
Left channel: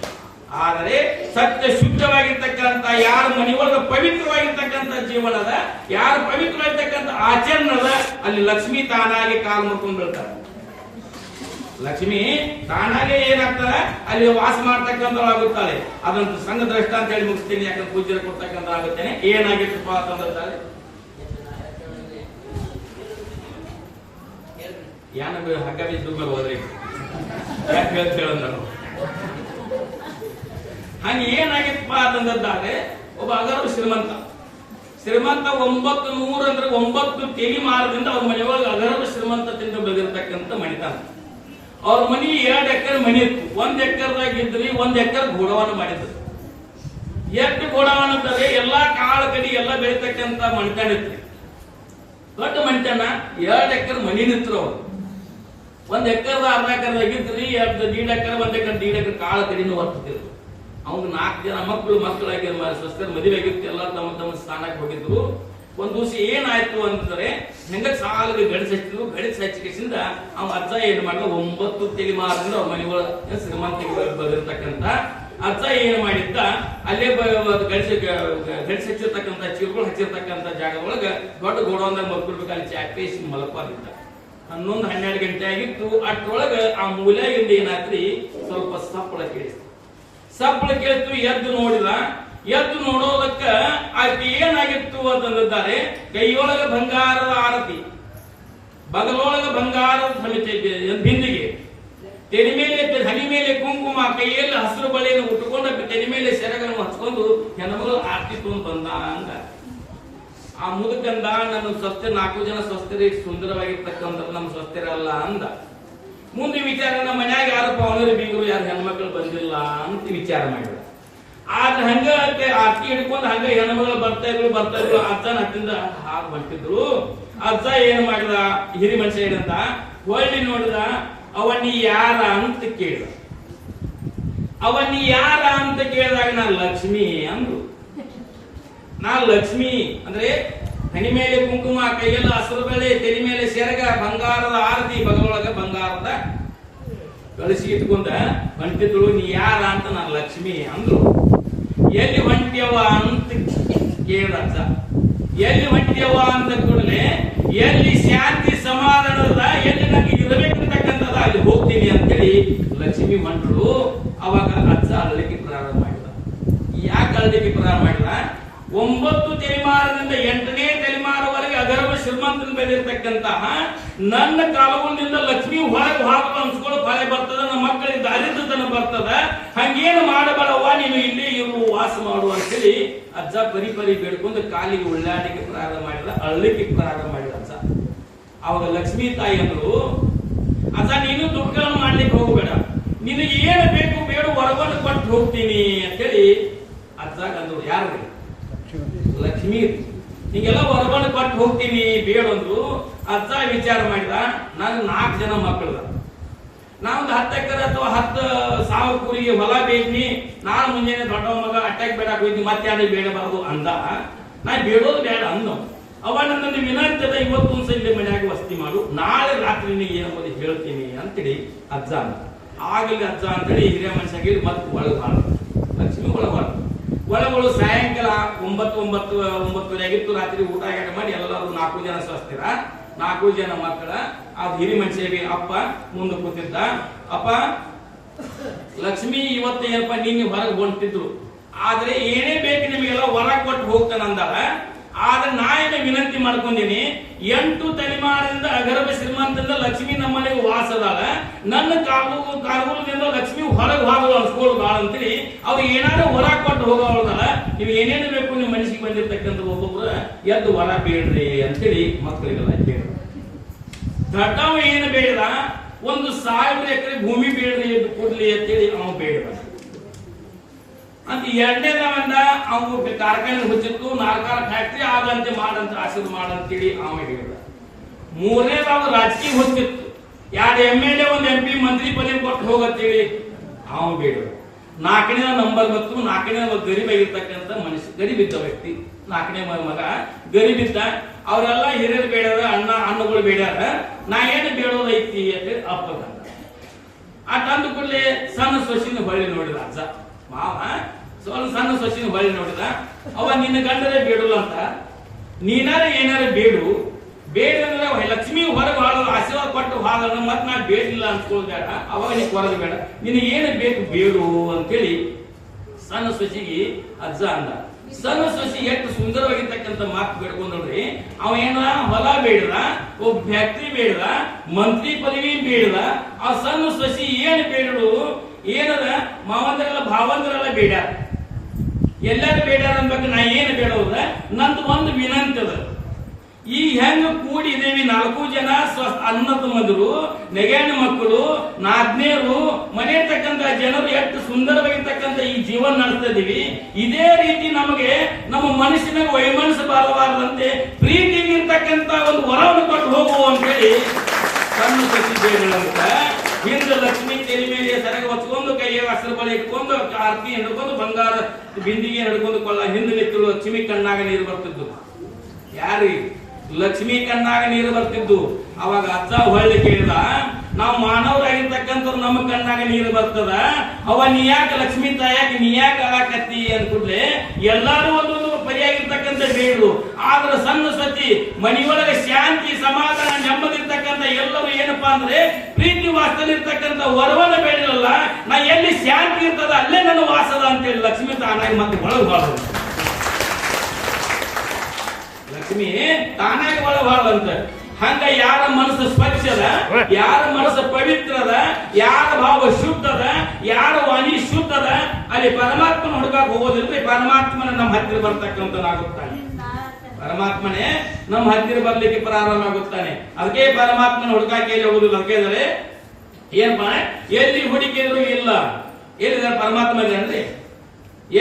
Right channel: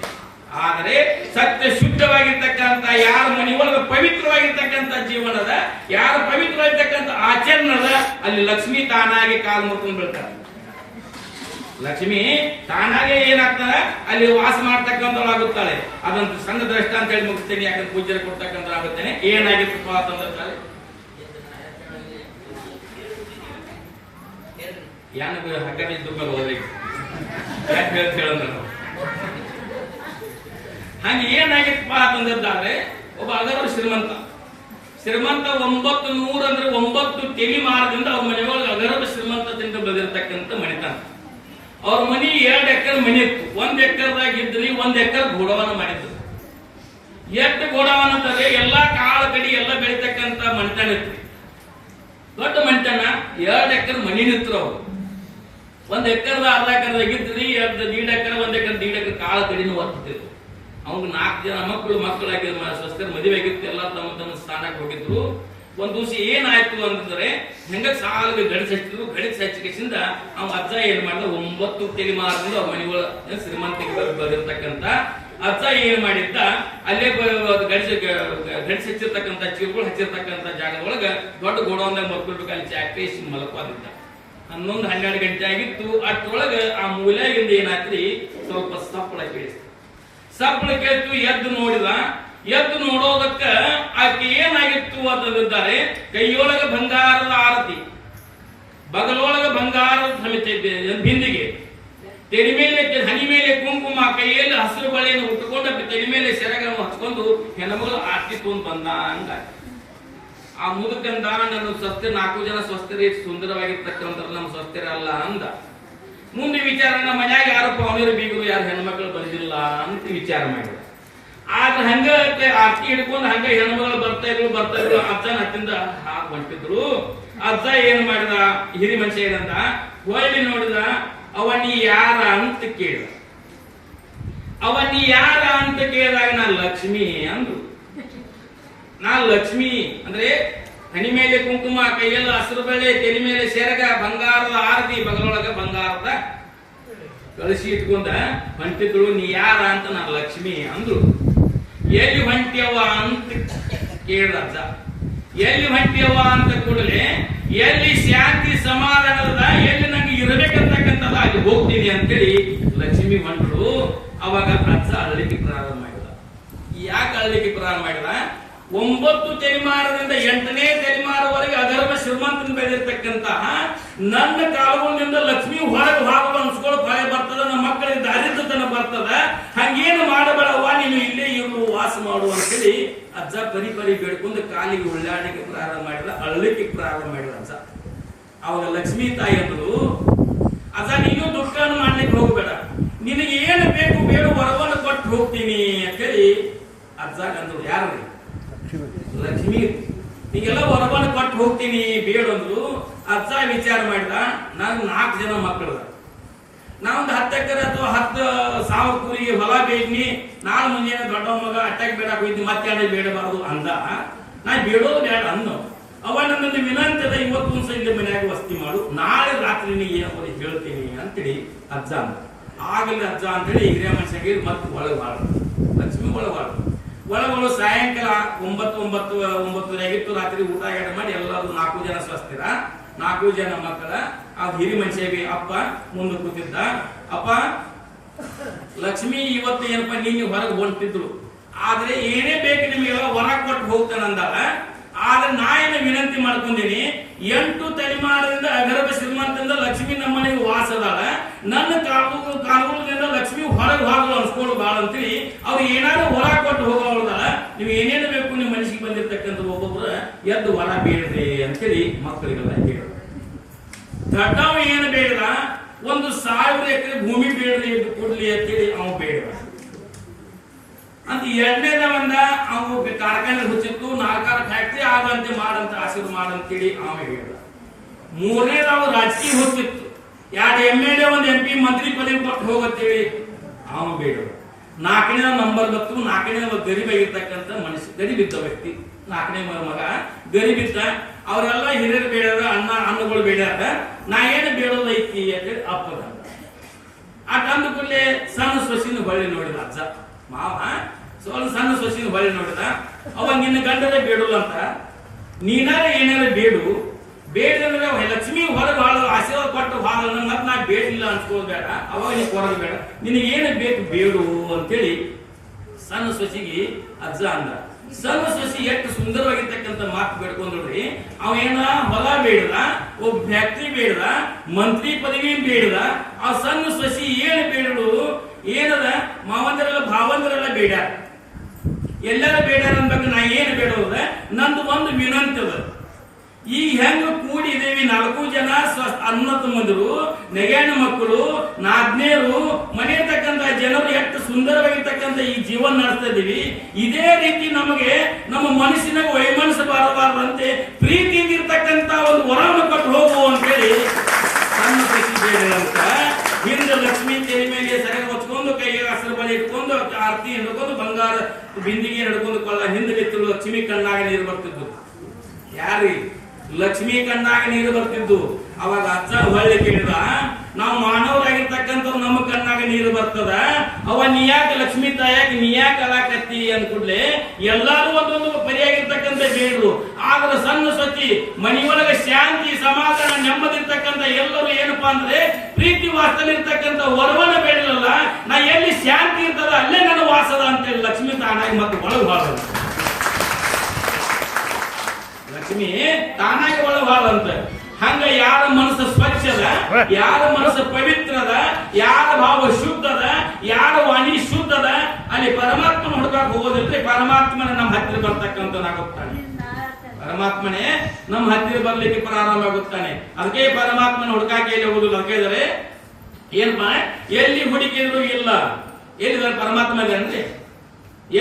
ಆದರೆ ಸತ್ಯ ಶುದ್ಧವಾಗಿರ್ತಕ್ಕಂಥ ಯಾರ ಮನೆಯೊಳಗೆ ಪವಿತ್ರವಾಗಿರ್ತಕ್ಕಂಥ ಜೀವನದ, ಯಾರ ಪವಿತ್ರವಾಗಿರ್ತಕ್ಕಂಥ ಆಚರಣದ, ಅಲ್ಲಿ ಲಕ್ಷ್ಮಿ ತಾನಾಗಿ ಕಾಲು ಮುರ್ಕೊಂಡು ಬೀಳ್ತಾರೆ. ಲಕ್ಷ್ಮಿ ತಾನಾಗೆ ಏನಾಗ್ತಾಳೆ ಅಲ್ಲಿ ವಾಸ ಮಾಡ್ತಕ್ಕಂಥವಾಗುತ್ತಾಳೆ. ಅದಂತ ಸಂಘ ದ್ರಷ್ಟ ಅಂತ ಹೇಳಿ ಮುಗಿಸ್ತೇನೆ, ಯಾಕಂದ್ರೆ ಪೂಜೆ ಕೊಡ್ತಕ್ಕಂಥ ಆಗುತ್ತೇನೆ. ಏನಾಗಿತ್ತಪ್ಪ ಅಂತಂದ್ರೆ ಯಾನ ಹಗ್ಗ ಬಿದ್ದು ಮೇಲೆ ಹೋದ್ಬೇಕು ಯಾಕೆ ಹೇಳ್ತೇಳಂದ ನಾವು. ಹಂಗೆ ಏನಾಗಿತ್ತಪ್ಪ ಅಂತಂದಾದ್ರೆ ಒಬ್ಬ ಅದರ ಶ್ರೀಮಂತ 900 ಅಂದ್ರೆ 9 ತೆಲಿಮಾರದಿಂದ ಅವ್ರ ಮನೆಯೊಳಗೆ ಅದರದ ಶ್ರೀಮಂತದಿಂದ ಬೆಳೆದಿರ್ತಕ್ಕಂಥ ಮಣಿತಾನ. ಅವ್ರ ಮನಿ 2 ಎಕರೆ ಮನಿ ಇತ್ತು. 1 ಎಕರೆದಾಗ ಇದ್ರಿ, 1 ಎಕರೆ ಗೋಡವನ ಮಾಡಿದ್ರು. ಎಷ್ಟು ಗೋಡವನ ಅಂತಂದ್ರೆ ಎಲ್ಲಾ ಕಾಳ ಕಡಿ ಎಲ್ಲ ಬೆಳಿತಕ್ಕಂಥ ಮಣಿತಾನ ಇತ್ತು. ದೊಡ್ಡ ಮಣಿತಾನ 2 ಎಕರೆ ಮನಿ ನಿಂತರು. ಅವ್ರು 1 ಎಕರೆದ ಅರ್ಧ ಎಕರೆದಾಗ ಇದ್ರಿ, 1.5 ಎಕರೆ 1 ಎಕರೆ 1.5 ಎಕರೆ ಕಾಳ ಕಡಿನೂ ವರ್ತಿದ್ರು. ಅವ್ನು 4 ಜನ ಮಕ್ಕಳಾಗಿ ಸ್ವಸ್ಥರ ಮದುವೆ ಆಗಿತ್ತು. ಎಲ್ಲ ತಮ್ಮ ತಮ್ಮ ಸ್ಥಾನಕ್ಕೆ ಹೋಗಿದ್ರು. ಒಂದ್ ದಿವಸ ಏನಾಯ್ತು ಅಂತಂದ್ರೆ ಹೆಂಗ ಸಾಲಿಗೆ ಗಡಿಸಿ ಹಚ್ಚಿದ್ರು. ಗಡಿಸಿ ಹಚ್ಚಿಕೆಸಿಂದ ಅವ್ ಅಜ್ಜ ಏನ್ ಮಾಡ್ದ, 9 ತೆಲಿಮಾರದಿಂದ ಅವ್ರ ಮನೆಗಳ ಶ್ರೀಮಂತಿಗೆ ಬಂದಿರ್ತಕ್ಕಂಥ ಅಜ್ಜ ಏನ್ ಮಾಡಿದ್ದ, ಅಲ್ಲೇ ಗಡಿಸಿ ಹಚ್ಚಿರ್ತಕ್ಕಂಥ ಚಿರುಗಳು ಹಚ್ಚಿರ್ತಕ್ಕಂಥ ಜಾಗದೊಳಗ ದೊಡ್ಡ ಗೋಡೌನ್ದಾಗ ಮಕ್ಕಳು ಅಲ್ಲಿ ಚಾಕೇಸಿ ಮಲಪಾದಿದ್ದ. 11-12 ಗಂಟೆ ಆಗಿತ್ತು. ಅಷ್ಟೊಳಗ ಆ ಮೂಲೆಗಿಂದ ಏನಾತ್ರಿ ಸ್ವಲ್ಪ ಸಪ್ಪಳ ಕೇಳಿಸ್ತು. ಸಪ್ಪಳ ಕೇಳ್ತು. ಎದ್ದು ನೋಡೋದಕ್ಕ ಆಕೆ ಏನಾಗಿತ್ತು ಅಂತಂದಿದ್ದಾರೆ, ಕೈಯೊಳಗ ಬಂಗಾರದ ಆರತಿ, ಬಗಲೊಳಗ ಬಂಗಾರದ ಸಮೇತ ಬಿಂದಿಗೆ, ತೆರಿ ಮೇಲೆ ಹನಿ ಮೇಲೆ ಕುಂಕುಮ, ಕೈಯಲ್ಲಿ ಹಸಿರು ಬಳೆಯನ್ನು ಉಟ್ಟುಕೊಂಡು ತೆರಿ ಮೇಲೆ ಸೆರಗನ್ನು ಹಚ್ಕೊಂಡು ಹೆಣ್ಮಗಳು ಆರತಿ ತೊಂದು ಬಂದ. ಹಂಗ ಆ ಮುದುಕಂದ, ನನ್ನ ಸ್ವಸ್ಥೆ 4 ಜನ ಸ್ವಸ್ಥರಿ ಸುಂದರವಾಗಿರ್ತಕ್ಕಂಥ ನಮ್ಮ ಸ್ವಸ್ಥರಲ್ಲ ಅಂದ. ಮುಂದೆ ವಿಚಾರ, ನಮ್ಮ ಮನ್ಯಾಗ ಯಾರು ಪವನರು ಬೀಗರು ಯಾರು ಹೆಣ್ಮಕ್ಳು ಬಂದಿಲ್ಲ ಅಂತ ವಿಚಾರ ಮಾಡಿದ. ಆದ್ರೆ ಹಂಗ ಆರ್ತಿ ಹಿಡ್ಕೊಂಡು ಹಂಗ ಹೆಣ್ಮಗಳು ಬರ್ತಾ ಇದ್ರು. ಅಜ್ಜನ ಹತ್ತಿಂದ ಹಾಗೆ ಹೊಂಟಿದ್ರು. ಅಜ್ಜ ಏನ್ ಮಾಡಿದ, ಹಿರಿ ಮನುಷ್ಯ ಏನಂತ ಹೋಗಿ ನೋಡಿದ. ಅವನಿ ಯಾರ ಅಂತ ಕೇಳಿದ. ಅವನಿ ಯಾರ ಅಂತ ಕೇಳಿದಾಗ ನಾ ಲಕ್ಷ್ಮಿ ಅಂದ್ರು. ನಾ ಲಕ್ಷ್ಮಿ ಅಂದ್ರೆ ಹನಿ ಮೇಲೆ ಕುಂಕುಮ, ಕೈಯಲ್ಲಿ ಹಸಿರು ಬೆಳೆ, ತೆಲಿ ಮೇಲೆ ಸೆರಗ, ಬಂಗಾರದ ಆರತಿ, ಬಗಲೊಳಗ ಬಂಗಾರದ ಕಳಿಸಿ ಇಟ್ಕೊಂಡ ಹೊಂಟಿದ್ರು. ನೀ ಯಾರ ಅಂತ ನಾನು ಲಕ್ಷ್ಮಿ ಅಂದ್ರು. ಎಲ್ಲಿ ಹೊಂಟ್ಯವ ಅಂತ ಕೇಳಿದ ಅಜ್ಜ. ಎಲ್ಲಿ ಹೊಂಟ್ಯವ ಅಂತ ಕೂಡಲೇ ಎಲ್ಲಿ ಶಾಂತಿ ಸಮಾಧಾನದ, ಎಲ್ಲಿ ನಂಗೆ ಇರಬೇಕಂತಕ್ಕಂಥದ ಅಲ್ಲಿ ಹೋಗ್ತೀನಿ ಅಂತೇಳಿ ಲಕ್ಷ್ಮಿ ಹೊಂಟ್ರು. ಅವಾಗ ಅಜ್ಜ ಅಳ್ಳಿಕ್ಕೆ ಪ್ರಾರಂಭ ಮಾಡಿದ. ಯಾಕೆ ಅಳ್ಳಿಕ್ಕೆ ಪ್ರಾರಂಭ ಮಾಡಿದ, 9 ತಲೆಮಾರದಿಂದ 8ನೇ ತಲೆಮಾರವರೆಗೆ ಅಧರ್ಮ ಶ್ರೀಮಂತನ ಬೆಳೆದಿರ್ತಕ್ಕಂತಹ ನನ್ನ ಕಾಲಗೊಂಡಿಂದ ಲಕ್ಷ್ಮಿ ಹೊರಗೆ ಹೋಗಲು ಅನ್ಸ್ಕೊಳ್ಳೋ ಭಯ ಬರ್ತದ, ನಮ್ಮ ಮಕ್ಕಳಿಗೆ ದಾರಿದ್ರತನ ಬರ್ತದ, ಹಂಗೇನು ಮಾಡಬೇಡವ್ವ, ನೀನು ಇಲ್ಲೇ ಇರು, ವಾಸ ಮಾಡು ಅಂತೇಳಿ ಅಜ್ಜ ಪರಿ ಬೇಡ್ಕೊಂಡು ಕಾಲಿಗೆ ಉಳ್ಳಾಡಲಿಕ್ಕೆ ಪ್ರಾರಂಭ ಮಾಡಿದ, ಅಳ್ಳಿಕ್ಕೆ ಪ್ರಾರಂಭ ಮಾಡಿದ ಅಜ್ಜ. ಅವಾಗ ಲಕ್ಷ್ಮೀ ತಾಯಿ ಅಂದ್ರು, ಅಜ್ಜ ನೀನು ದುಡ್ಡನ್ನು ಮಾಡ್ಲಿಕ್ಕೆ ಹೋಗಬೇಡ, ನಿನಗೆ ಏನು ಬೇಕು ಬೇಡ ವರವನ್ನು ಕೊಟ್ಟು ಹೋಗ್ತೀನಿ ಅಂತೇಳಿ ಅಜ್ಜ ಅಂದ್ರು. ಯಾರು? ಲಕ್ಷ್ಮಿ. ಹೀಗೆಲ್ಲ ವರವನ್ನು ಕೊಟ್ಟು ಹೋಗ್ತೀನಿ ಬೇಡಂದ್ರು. ಅಜ್ಜ ವಿಚಾರ ಮಾಡಿದ, ನಾನು 4 ಜನ ಮಕ್ಕಳು, ನಾವೊಂದು 10 ಎಕರೆ ಅಥವಾ 10,000 ಕೂರಿಗೆ ಹೊಲ ಬೇಕ್ನಿ, ನಾಳೆ ಮುಂಜಾನೆ ದೊಡ್ಡ ಮಗ ಅಟ್ಯಾಕ್ ಬೇಡಕ್ ಹೋಯ್ತು, ಮತ್ತೆ ಬೇಡಬಾರದು ಅಂದ. ನಾ ಬೇಡೋದು ಬೇಡ ಅಂದ. ಅವ ನನ್ನನ್ನು ವಿನಂತದ, ಇವತ್ತೊಂದ್ಸ ಇಲ್ಲಿ ಮನ್ಯಾಗ ವಸ್ತಿ ಮಾಡು, ನಾಳೆ ರಾತ್ರಿ ಏನೋ ಹೇಳ್ತೀನಿ ಅಂತೇಳಿ ಅಜ್ಜ ಅಂದ. ಆಗಲಿ ಅಜ್ಜ ಅಂತೇಳಿ ಹಿರಿಯ ಮನುಷ್ಯಗೆ ಮತ್ತೆ ಒಳಗಾಳ ಲಕ್ಷ್ಮಿ ಒಳಗಳು ಸಾಯಂಕಾಲ 9 ಆಗಿತ್ತು. ರಾತ್ರಿ ಊಟ ಮಾಡಿ ಎಲ್ಲರೂ 4 ಜನ ಸ್ವಸ್ಥಿರ, 4 ಜನ ಮಕ್ಕಳ. ಆ ಹಿರಿ ಮನುಷ್ಯಗೆ ಅಪ್ಪ ಮುಂದೆ ಕೂತಿದ್ದ. ಅಪ್ಪ ಲಕ್ಷ್ಮಿ ಇವತ್ತು ಏನಪ್ಪ ನಿನ್ನೆ ಹೊರಗೆ ಹೊಂಟಿದ್ರು, ಆದ್ರೆ ಏನೇ ಬೇಕು ನಿಮಗೆಲ್ಲ ಹೊರಗೆ ಕೊಟ್ಟು ಹೋಗ್ತಾನಂದಾಳ. ಆದ್ರೆ ನಾ ಏನು ವಿನಂತಿ ಮಾಡ್ಕೊಂಡೀನಿ, 8 ತಲೆಮಾರದಿಂದ ಅಗರ್ಭ ಶ್ರೀಮಂತದಿಂದ ಲಕ್ಷ್ಮಿ ನಮ್ಮನೆಗೆ ವಾಸದಾಳ, ನನ್ನ ಕಾಲದಿಂದ ಲಕ್ಷ್ಮಿ ಹೊರಗೆ ಹೋಗಲು ಅನ್ಸ್ಕೊಳ್ಳು ಬಾಳ ಅಂತೇಳಿ ಅವ್ರು ಏನಾದ್ರು ಹೊರ ಕೊಟ್ಟು ಹೋಗೋದಲ್ಲ. ನೀವು ಏನೇನು ಬೇಕು ನಿಮ್ಮ ಮನಸ್ಸಿಗೆ ಬಂದಿರ್ತಕ್ಕಂಥ ಒಬ್ಬೊಬ್ರು ಎದ್ದು ಹೊರ ಬೇಡ್ರಿ ಅಂತೇಳಿ ಮಕ್ಕಳಿಗೆಲ್ಲ ಹೇಳ. ದೊಡ್ಡವ ಏನು ಬೇಡ, 1,000 ಎಕರೆ ಭೂಮಿ ಬೇಡ್ರಿ ಎದ್ದು ಕೊಡ್ಲಿ ಅಂತೇಳಿ ಅವ ಬೇಡ ಅಂತ. ಎರಡನೇದವಂದ ಅವು ಕಾರ್ಖಾನೆ ಹುಚ್ಚಿತ್ತು, 4 ಫ್ಯಾಕ್ಟ್ರಿ ಆದಂತೆ ಮಾಡಂತ ಆಶೀರ್ವಾದ ಮಾಡಂತೇಳಿ ಅವ ಹೇಳಿದ. ಮೂರನೇದವ ರಾಜಕೀಯ ಹುಚ್ಚಿತ್ತು, 2 MLA 1 MP ಮಂತ್ರಿ ಪದವಿ ಕೊಟ್ಟು ಹೋಗತ್ತೇಳಿ ಅವ ಬೇಡ. 4ನೇ ನಂಬರ್ ಮತ್ತು 4ನೇ ಗರೀಬ್ ಆಗಿರ್ತಕ್ಕಂಥ ಮನುಷ್ಯ, ಗರೀಬಿದ್ದ ವ್ಯಕ್ತಿ, 4ನೇ ಮಗ ಗರೀಬಿದ್ದ. ಅವರೆಲ್ಲ ಹಿರಿಯರು ಬೇಡಾರ, ಅಣ್ಣಗಳು ಬೇಡಾರ, ನಾ ಏನು ಬೇಡೋದೈತಿ ಅಂತೇಳಿ ಅಪ್ಪದ. ಅಂದ ಕೂಡಲೇ ಸಣ್ಣ ಸೊಸಿನ ಹೊಳ್ಳಿ ನೋಡಿದ ಅಜ್ಜ ಮಾವ, ಸಣ್ಣ ಸೊಸಿನ ಹೊಳ್ಳಿ ನೋಡಿದ. ಅವ ನಿನ್ನ ಗಂಡರೇ ಬೇಡಲ್ಲ ಅಂತ, ನೀನಾರ ಏನಾರ ಬೇಡು, ಬೇಡಂದ್ರೆ ಲಕ್ಷ್ಮಿ ಹೊರಗೆ ಹಾಳ ಆಶೀರ್ವಾದ ಕೊಟ್ಟು ಹಾಳ ಮತ್ ನಾ ಬೇಡಿಲ್ಲ ಅನ್ಸ್ಕೋದ್ ಬೇಡ, ಅವಾಗ ನೀ ಕೊರದು ಬೇಡ, ನಿನಗೆ ಏನು ಬೇಕು ಬೇಡು ಅಂತೇಳಿ ಸಣ್ಣ ಸೊಸಿಗೆ ಅಜ್ಜ ಅಂದ. ಸಣ್ಣ ಸೊಸಿ ಎಷ್ಟು ಸುಂದರವಾಗಿರ್ತಕ್ಕಂಥ ಮಾತು ಬೇಡ್ಕೊಂಡ್ರಿ. ಅವ ಏನ ಹೊಲ ಬೇಡದ, ಒಬ್ಬ ಫ್ಯಾಕ್ಟ್ರಿ ಬೇಡದ, ಮಂತ್ರಿ ಪದವಿ ಬೇಡದ. ಆ ಸಣ್ಣ ಸೊಸಿ ಏನು ಬೇಡರು ಏನದ, ಮಾವಂದರೆಲ್ಲ ಭಾವಂದರೆಲ್ಲ ಬೇಡ್ಯಾರ, ಎಲ್ಲಾರು ಬೇಡ್ಯಾರ ಅನ್ಬೇಕು. ನಾ ಏನು ಬೇಡೋದ, ನಂದು ಒಂದು ವಿನಂತಿ ಅದ. ಈ ಹೆಂಗ ಕೂಡಿದೇವಿ 4 ಜನ ಅನ್ನ ತಮ್ಮಂದರು, ನೆಗೆಣ್ಣ ಮಕ್ಕಳು, ನಾದ್ನೇರು, ಮನೆಯತಕ್ಕಂತ ಜನರು ಎಷ್ಟು ಸುಂದರವಾಗಿರ್ತಕ್ಕಂಥ ಈ ಜೀವನ ನಡೆಸ್ತಾ ಇದೀವಿ. ಇದೇ ರೀತಿ ನಮಗೆ ನಮ್ಮ ಮನಸ್ಸಿನ ವೈಮನಸ್ಸು ಬಾರಬಾರದಂತೆ ಪ್ರೀತಿಯಿಂದ ಇರ್ತಕ್ಕಂಥ ಒಂದು ವರವನ್ನು ಕೊಟ್ಟು ಹೋಗುವ ಅಂತೇಳಿ ಸಣ್ಣ ಸಸಿಬೇಡಂತ. ಹಿಂದೆ ಲಕ್ಷ್ಮೀ ತೆಲಿ ಮೇಲೆ ಸರಗ ಹೊಚ್ಕೊಂಡು, ಕೈಗೆ ಹಸಿರು ಬಳಿ ಇಟ್ಕೊಂಡು, ಆರತಿ ಹಿಡ್ಕೊಂಡು, ಬಂಗಾರ ಬಿಂದಿಗೆ ಹಿಡ್ಕೊಂಡು ಕೊಳ್ಳ ಹಿಂದೆ ನಿಂತು ಲಕ್ಷ್ಮಿ ಕಣ್ಣಾಗ ನೀರು ಬರ್ತಿದ್ದು. ಯಾರಿ ಲಕ್ಷ್ಮಿ ಕಣ್ಣಾಗ ನೀರು ಬರ್ತಿದ್ದು. ಅವಾಗ ಅಜ್ಜ ಹೊಳ್ಳಿ ಕೇಳಿದ, ನಾವು ಮಾನವರಾಗಿರ್ತಕ್ಕಂಥವ್ರು ನಮ್ಮ ಕಣ್ಣಾಗ ನೀರು ಬರ್ತದ, ಅವ ನೀ ಯಾಕೆ ಲಕ್ಷ್ಮೀ ತಾಯಾಕ ನೀ ಯಾಕೆ ಅಲಾಕತ್ತಿ ಅನ್ಕೂಡ್ಲೆ ಎಲ್ಲಾರು ಒಂದೊಂದು ಪರಿಯಾಗಿರ್ತಕ್ಕಂಥ ಬೇಡು. ಆದ್ರೆ ಸಣ್ಣ ಸತಿ ಮನೆಯೊಳಗೆ ಶಾಂತಿ, ಸಮಾಧಾನ, ನೆಮ್ಮದಿರ್ತಕ್ಕಂಥ ಎಲ್ಲರೂ ಏನಪ್ಪಾ ಅಂದ್ರೆ ಪ್ರೀತಿ ವಾಸದಲ್ಲಿರ್ತಕ್ಕಂಥ ವರವನ ಬೇಡಲ್ಲ. ನಾ ಎಲ್ಲಿ ಶಾಂತಿ ಇರ್ತದ ಅಲ್ಲೇ ನನ್ನ ವಾಸದ ಅಂತೇಳಿ ಲಕ್ಷ್ಮೀ ತಾನಾಗಿ ಮತ್ತೆ ಒಳಗೆ ಬಾಳದ. ಲಕ್ಷ್ಮಿ ತಾನಾಗಿ ಒಳಬಾರ್ದಂತ. ಹಂಗ ಯಾರ ಮನಸ್ಸು ಸ್ವಚ್ಛದ, ಯಾರ ಮನಸ್ಸು ಪವಿತ್ರದ, ಯಾರ ಭಾವ ಶುದ್ಧದ, ಯಾರ ವಾಣಿ ಶುದ್ಧದ, ಅಲ್ಲಿ ಪರಮಾತ್ಮನ ಹುಡುಕಾಕ ಹೋಗೋದಿಲ್ರಿ. ಪರಮಾತ್ಮನ ನಮ್ಮ ಹತ್ತಿರ ಬರ್ತಕ್ಕಂಥನಾಗುತ್ತಾನೆ. ಪರಮಾತ್ಮನೇ ನಮ್ಮ ಹತ್ತಿರ ಬರ್ಲಿಕ್ಕೆ ಪ್ರಾರಂಭ ಆಗುತ್ತಾನೆ. ಅದಕ್ಕೆ ಪರಮಾತ್ಮನ ಹುಡುಕಾಕೆ ಹೋಗುದಿಲ್ಲ. ಅದಕ್ಕೆ ಏನಪ್ಪ, ಎಲ್ಲಿ ಹುಡುಕಿದ್ರು ಇಲ್ಲ, ಎಲ್ಲಿದ್ದಾರೆ ಪರಮಾತ್ಮ ಇದ್ದಾನ್ರಿ.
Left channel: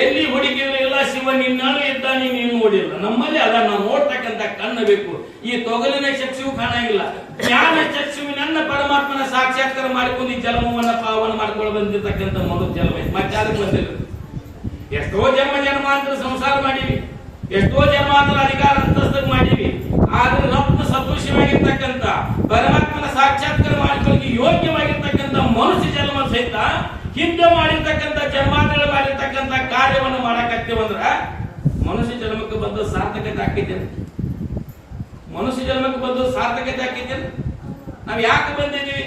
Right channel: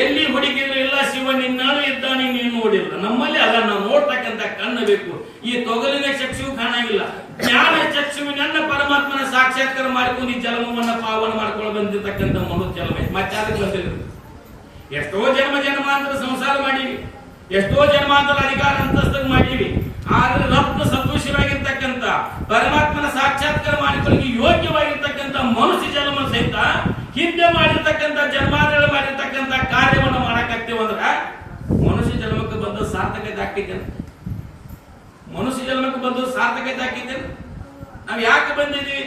ಎಲ್ಲಿ ಹುಡುಕಿದ್ರು ಇಲ್ಲ, ಶಿವ ನಿನ್ನಾಳು ಇದ್ದಾನೆ, ನೀನು ನೋಡಿಲ್ಲ. ನಮ್ಮಲ್ಲಿ ಅಲ್ಲ, ನಾವು ನೋಡ್ತಕ್ಕಂಥ ಕಣ್ಣು ಬೇಕು. ಈ ತೊಗಲಿನ ಚಕ್ಷು ಕಾಣಂಗಿಲ್ಲ. ಜ್ಞಾನ ಚಕ್ಷುವಿನನ್ನ ಪರಮಾತ್ಮನ ಸಾಕ್ಷಾತ್ಕಾರ ಮಾಡಿಕೊಂಡು ಈ ಜನ್ಮವನ್ನ ಪಾವನ ಮಾಡ್ಕೊಂಡು ಬಂದಿರ್ತಕ್ಕಂಥ ಮನು ಜನ್ಮ ಮತ್ತೆ ಬಂದಿಲ್ಲ. ಎಷ್ಟೋ ಜನ್ಮಾಂತರ ಸಂಸಾರ ಮಾಡೀವಿ, ಎಷ್ಟೋ ಜನ್ಮಾಂತರ ಅಧಿಕಾರ ಅಂತಸ್ತು ಮಾಡೀವಿ. ಆದ್ರೆ ರಕ್ತ ಸದೃಶ್ಯವಾಗಿರ್ತಕ್ಕಂಥ ಪರಮಾತ್ಮನ ಸಾಕ್ಷಾತ್ಕಾರ ಮಾಡಿಕೊಳ್ಳಿ ಯೋಗ್ಯವಾಗಿರ್ತಕ್ಕಂಥ ಮನುಷ್ಯ ಜನ್ಮ ಸಹಿತ ಹಿಂದೆ ಮಾಡಿರ್ತಕ್ಕಂಥ ಜನ್ಮಾಂತರ ಮಾಡಿರ್ತಕ್ಕಂಥ ಕಾರ್ಯವನ್ನು ಮಾಡಕತ್ತೇವಂದ್ರ ಮನುಷ್ಯ ಜನ್ಮಕ್ಕೆ ಬಂದ ಸಾರ್ಥಕತೆ ಹಾಕಿದ್ದೇನೆ. ಮನುಷ್ಯ ಜನ್ಮಕ್ಕೆ ಬಂದು ಸಾರ್ಥಕತೆ ಹಾಕಿದ್ದೇನೆ. ನಾವ್ ಯಾಕೆ ಬಂದಿದ್ದೀವಿ?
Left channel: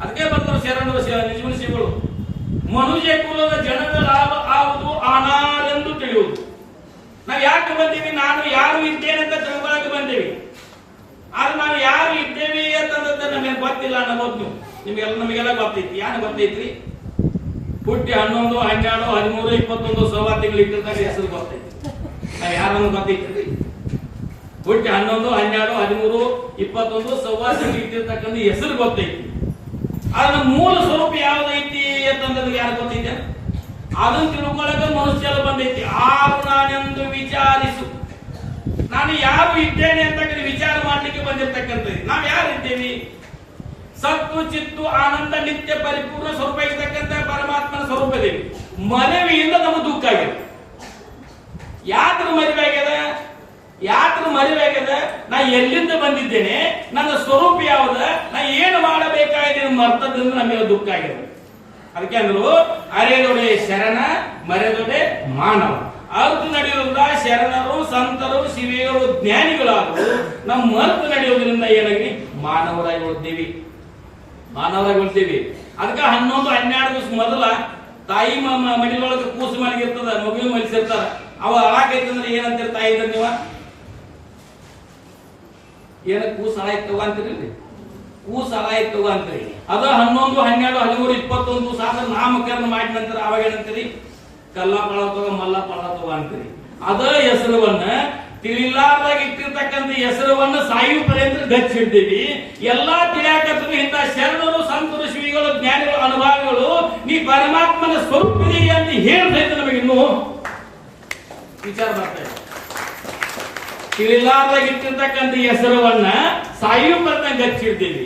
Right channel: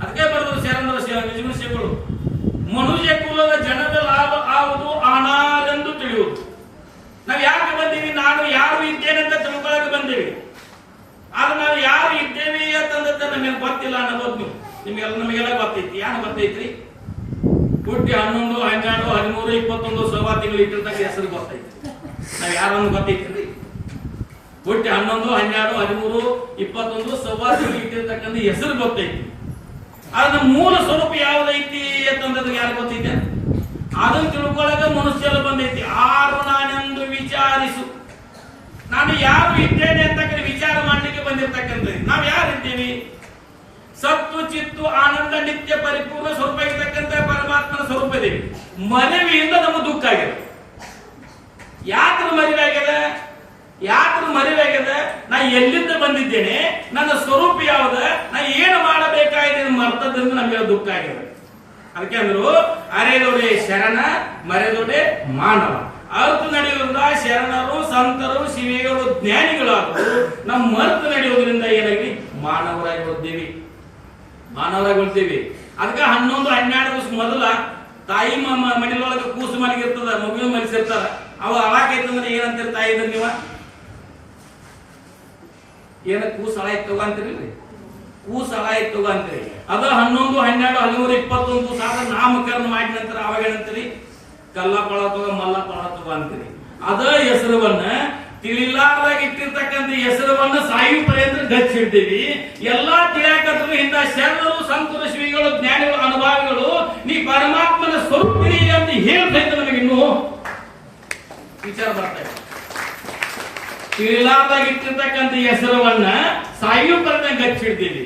ಅದಕ್ಕೆ ಬರೆದ್ರು ಶರಣರು ನಿಜಗುಣ ಶ್ರೀಗಳು, ಮನುಷ್ಯ ಕುಲದ ಜನರ ಲಾಭ ಆವುದು ಅನಾರೆಂದು ತಿಳಿಯುವುದು. ನಾವ್ ಯಾಕೆ ಬಂದೀವಿ? ನಾನು ಯಾರು ಇದ್ದೇನೆ ಅಂತ ತಿಳ್ಕೊಳಕ್ಕೆ ಬಂದೀವಿ. ಆದ್ರೆ ನಾವು ಯಾರು ಇದ್ದೇವೆ ಅಂತಂದ್ರೆ ನಮಗೆ ಗೊತ್ತಿಲ್ಲ ಅನ್ನೋದು ನಮಗೆಲ್ಲ ಗೊತ್ತೈತಿ. ಯಾರು ಗೊತ್ತೈತ್ರಿ? ಹುಟ್ಟಿ 11, 12, 13, 21 ಸವಾ ತಿಂಗಳು ಇಟ್ಟಿರ್ತಾಗ ಹೆಸರು ಗೊತ್ತೈತಿ. ನಾವ್ ಯಾರನ್ನು ಗೊತ್ತೈತಿ? ಹುಟ್ಟಿ 11, 12, 13, 21 ಸವಾ ತಿಂಗಳು ಇಟ್ಟಿರ್ತಕ್ಕಂಥ ಹೆಸರು ಗೊತ್ತೈತಿ. ಆದ್ರೆ ಮೂಲ ಸ್ವರೂಪ ಯಾವ್ದೈತಿ ಅಂತಂದ್ರೆ ಯಾರು ಗೊತ್ತೈತೆ? ಅದನ್ನು ತಿಳ್ಕೊಳ್ಳೋಕೆ ಮನುಷ್ಯ ಬಂದೈತಿ. ಆರು ನಾನೆಂದು ವಿಚಾರಿಸು. ನಾನು ಯಾರು ಇದ್ದೇನೆ ಅಂತ ವಿಚಾರ ಮಾಡ್ಲಿಕ್ಕೆ ಬಂದಿರ್ತಕ್ಕಂಥ ನಾವ್ ಯಾರು ಇದ್ದೇವೆ? ಸತ್ತು ಚಿತ್ತು ಆನಂದ ನಿತ್ಯ ಪರಿಪೂರ್ಣ ಸ್ವರೂಪ ಇರ್ತಕ್ಕಂಥ ಪರಮಾತ್ಮನ ಸ್ವರೂಪ ಇದೆ. ಮನವಿಯಿಂದ ನಮಗೆ ದುಃಖ ಆಗಿದೆ. ಯಾತ್ರ ಮರಿವಾಗ್ಯದ? ಯಾತ್ರ ಮರಿವಾಗ್ಯದ? ನಾ ಎಲ್ಲಿಂದ ಬಂದಿದ್ದೇನೆ, ನನ್ನ ಸ್ವರೂಪ ಯಾವ್ದ, ನಾ ಏನು ಮಾಡಬೇಕಾಗಿದೆ ಮರ್ತದಿಂದ ನಮಗೆ ದುಃಖ ಆಗಿದೆ. ಅದಕ್ಕೆ ಅಂದ್ರು ಅರೆದೊಡೆ ಶರಣ ಮರೆದೊಡೆ ಮಾನವ. ಅರ್ಥ ನಡೆಯೋದ್ರಿಂದ ಶರಣರು, ಸಂತರು, ಶಿವಿಗಳು, ಜ್ಞಾನಿಗಳಾದರು. ನಮ್ಮ ಮರ್ತು ನಡೆಯೋದ್ರಿಂದ ಏನಾಗಿ ಮಾನವರಾಗಿ ಉಳಿದೇವಿ. ಮಾನವರಾಗಿ ಉಳ್ತೀವಿ. ಅದಕ್ಕೆ 11-12 ದಿವಸ ಮೊದಲ ತಾಯಿ ಮಡಿಲೊಳಗೆ ಕೂಸು ಮಲಗಿರ್ತದ, ಮಗುವಿನ ಮಲಗಿಸಿರ್ತಾರ. ಅವ ಅಳಾಕೈತಂದ್ರೆ ಏನಂತೀರಿ ತಾಯಿ ಇದ್ರ ನೀವ? ಏನ ಕೂಸು ಅಳಾಯ್ತವ ಅಂತೀರಿ? ಕೂಸು ಅಳಾಯ್ತವ ಅಂತೀರಿ. ಅದ 11, 12, 13, 21 ದಿವಸ ಆದ್ರೆ ನಾಮಕರಣ ಮಾಡಿದ ನಂತರ ಅವಾಗ ಏನಂತೀರಿ? ಕಲ್ಲ ಪಳತವ ಮಲ್ಲ ಪಳತವ ಅಂತೀರಿ. ಅದ ಹೆಸರವನ್ನ ತಿಳಿಲಾರ್ದಾಗ ಇಟ್ಟಿರ್ತಕ್ಕಂಥ ಹೆಸರವನ್ನು ಸಾಯು ಪರ್ಯಂತ ಗಚ್ಚಿಡ್ತೀವಿ. ಎಲ್ಲಾ ತಿಳಿಯಾಕತ್ತರು ಇಂಥ ಶರಣರು, ಸಂತರು, ಶ್ರೀಗಳು, ಜ್ಞಾನಿಗಳು, ಅನುಭವಿಗಳು ನೀ ಪರಮಾತ್ಮನ ಸ್ವರೂಪಿರಿ ಅಂತ ಹೇಳ್ತೈತೆ. ನಮಗೆ ಇನ್ನೂ ವಿಚಾರ ಬರ್ತಾ ಇದೆ. ತಿಳಿಲಾರ್ದಾಗ ಇಟ್ಟಿರ್ತಕ್ಕಂಥ ಹೆಸರವನ್ನ ಸಾಯು ಪರ್ಯಂತ ಗಚ್ಚಿಡ್ತೀವಿ.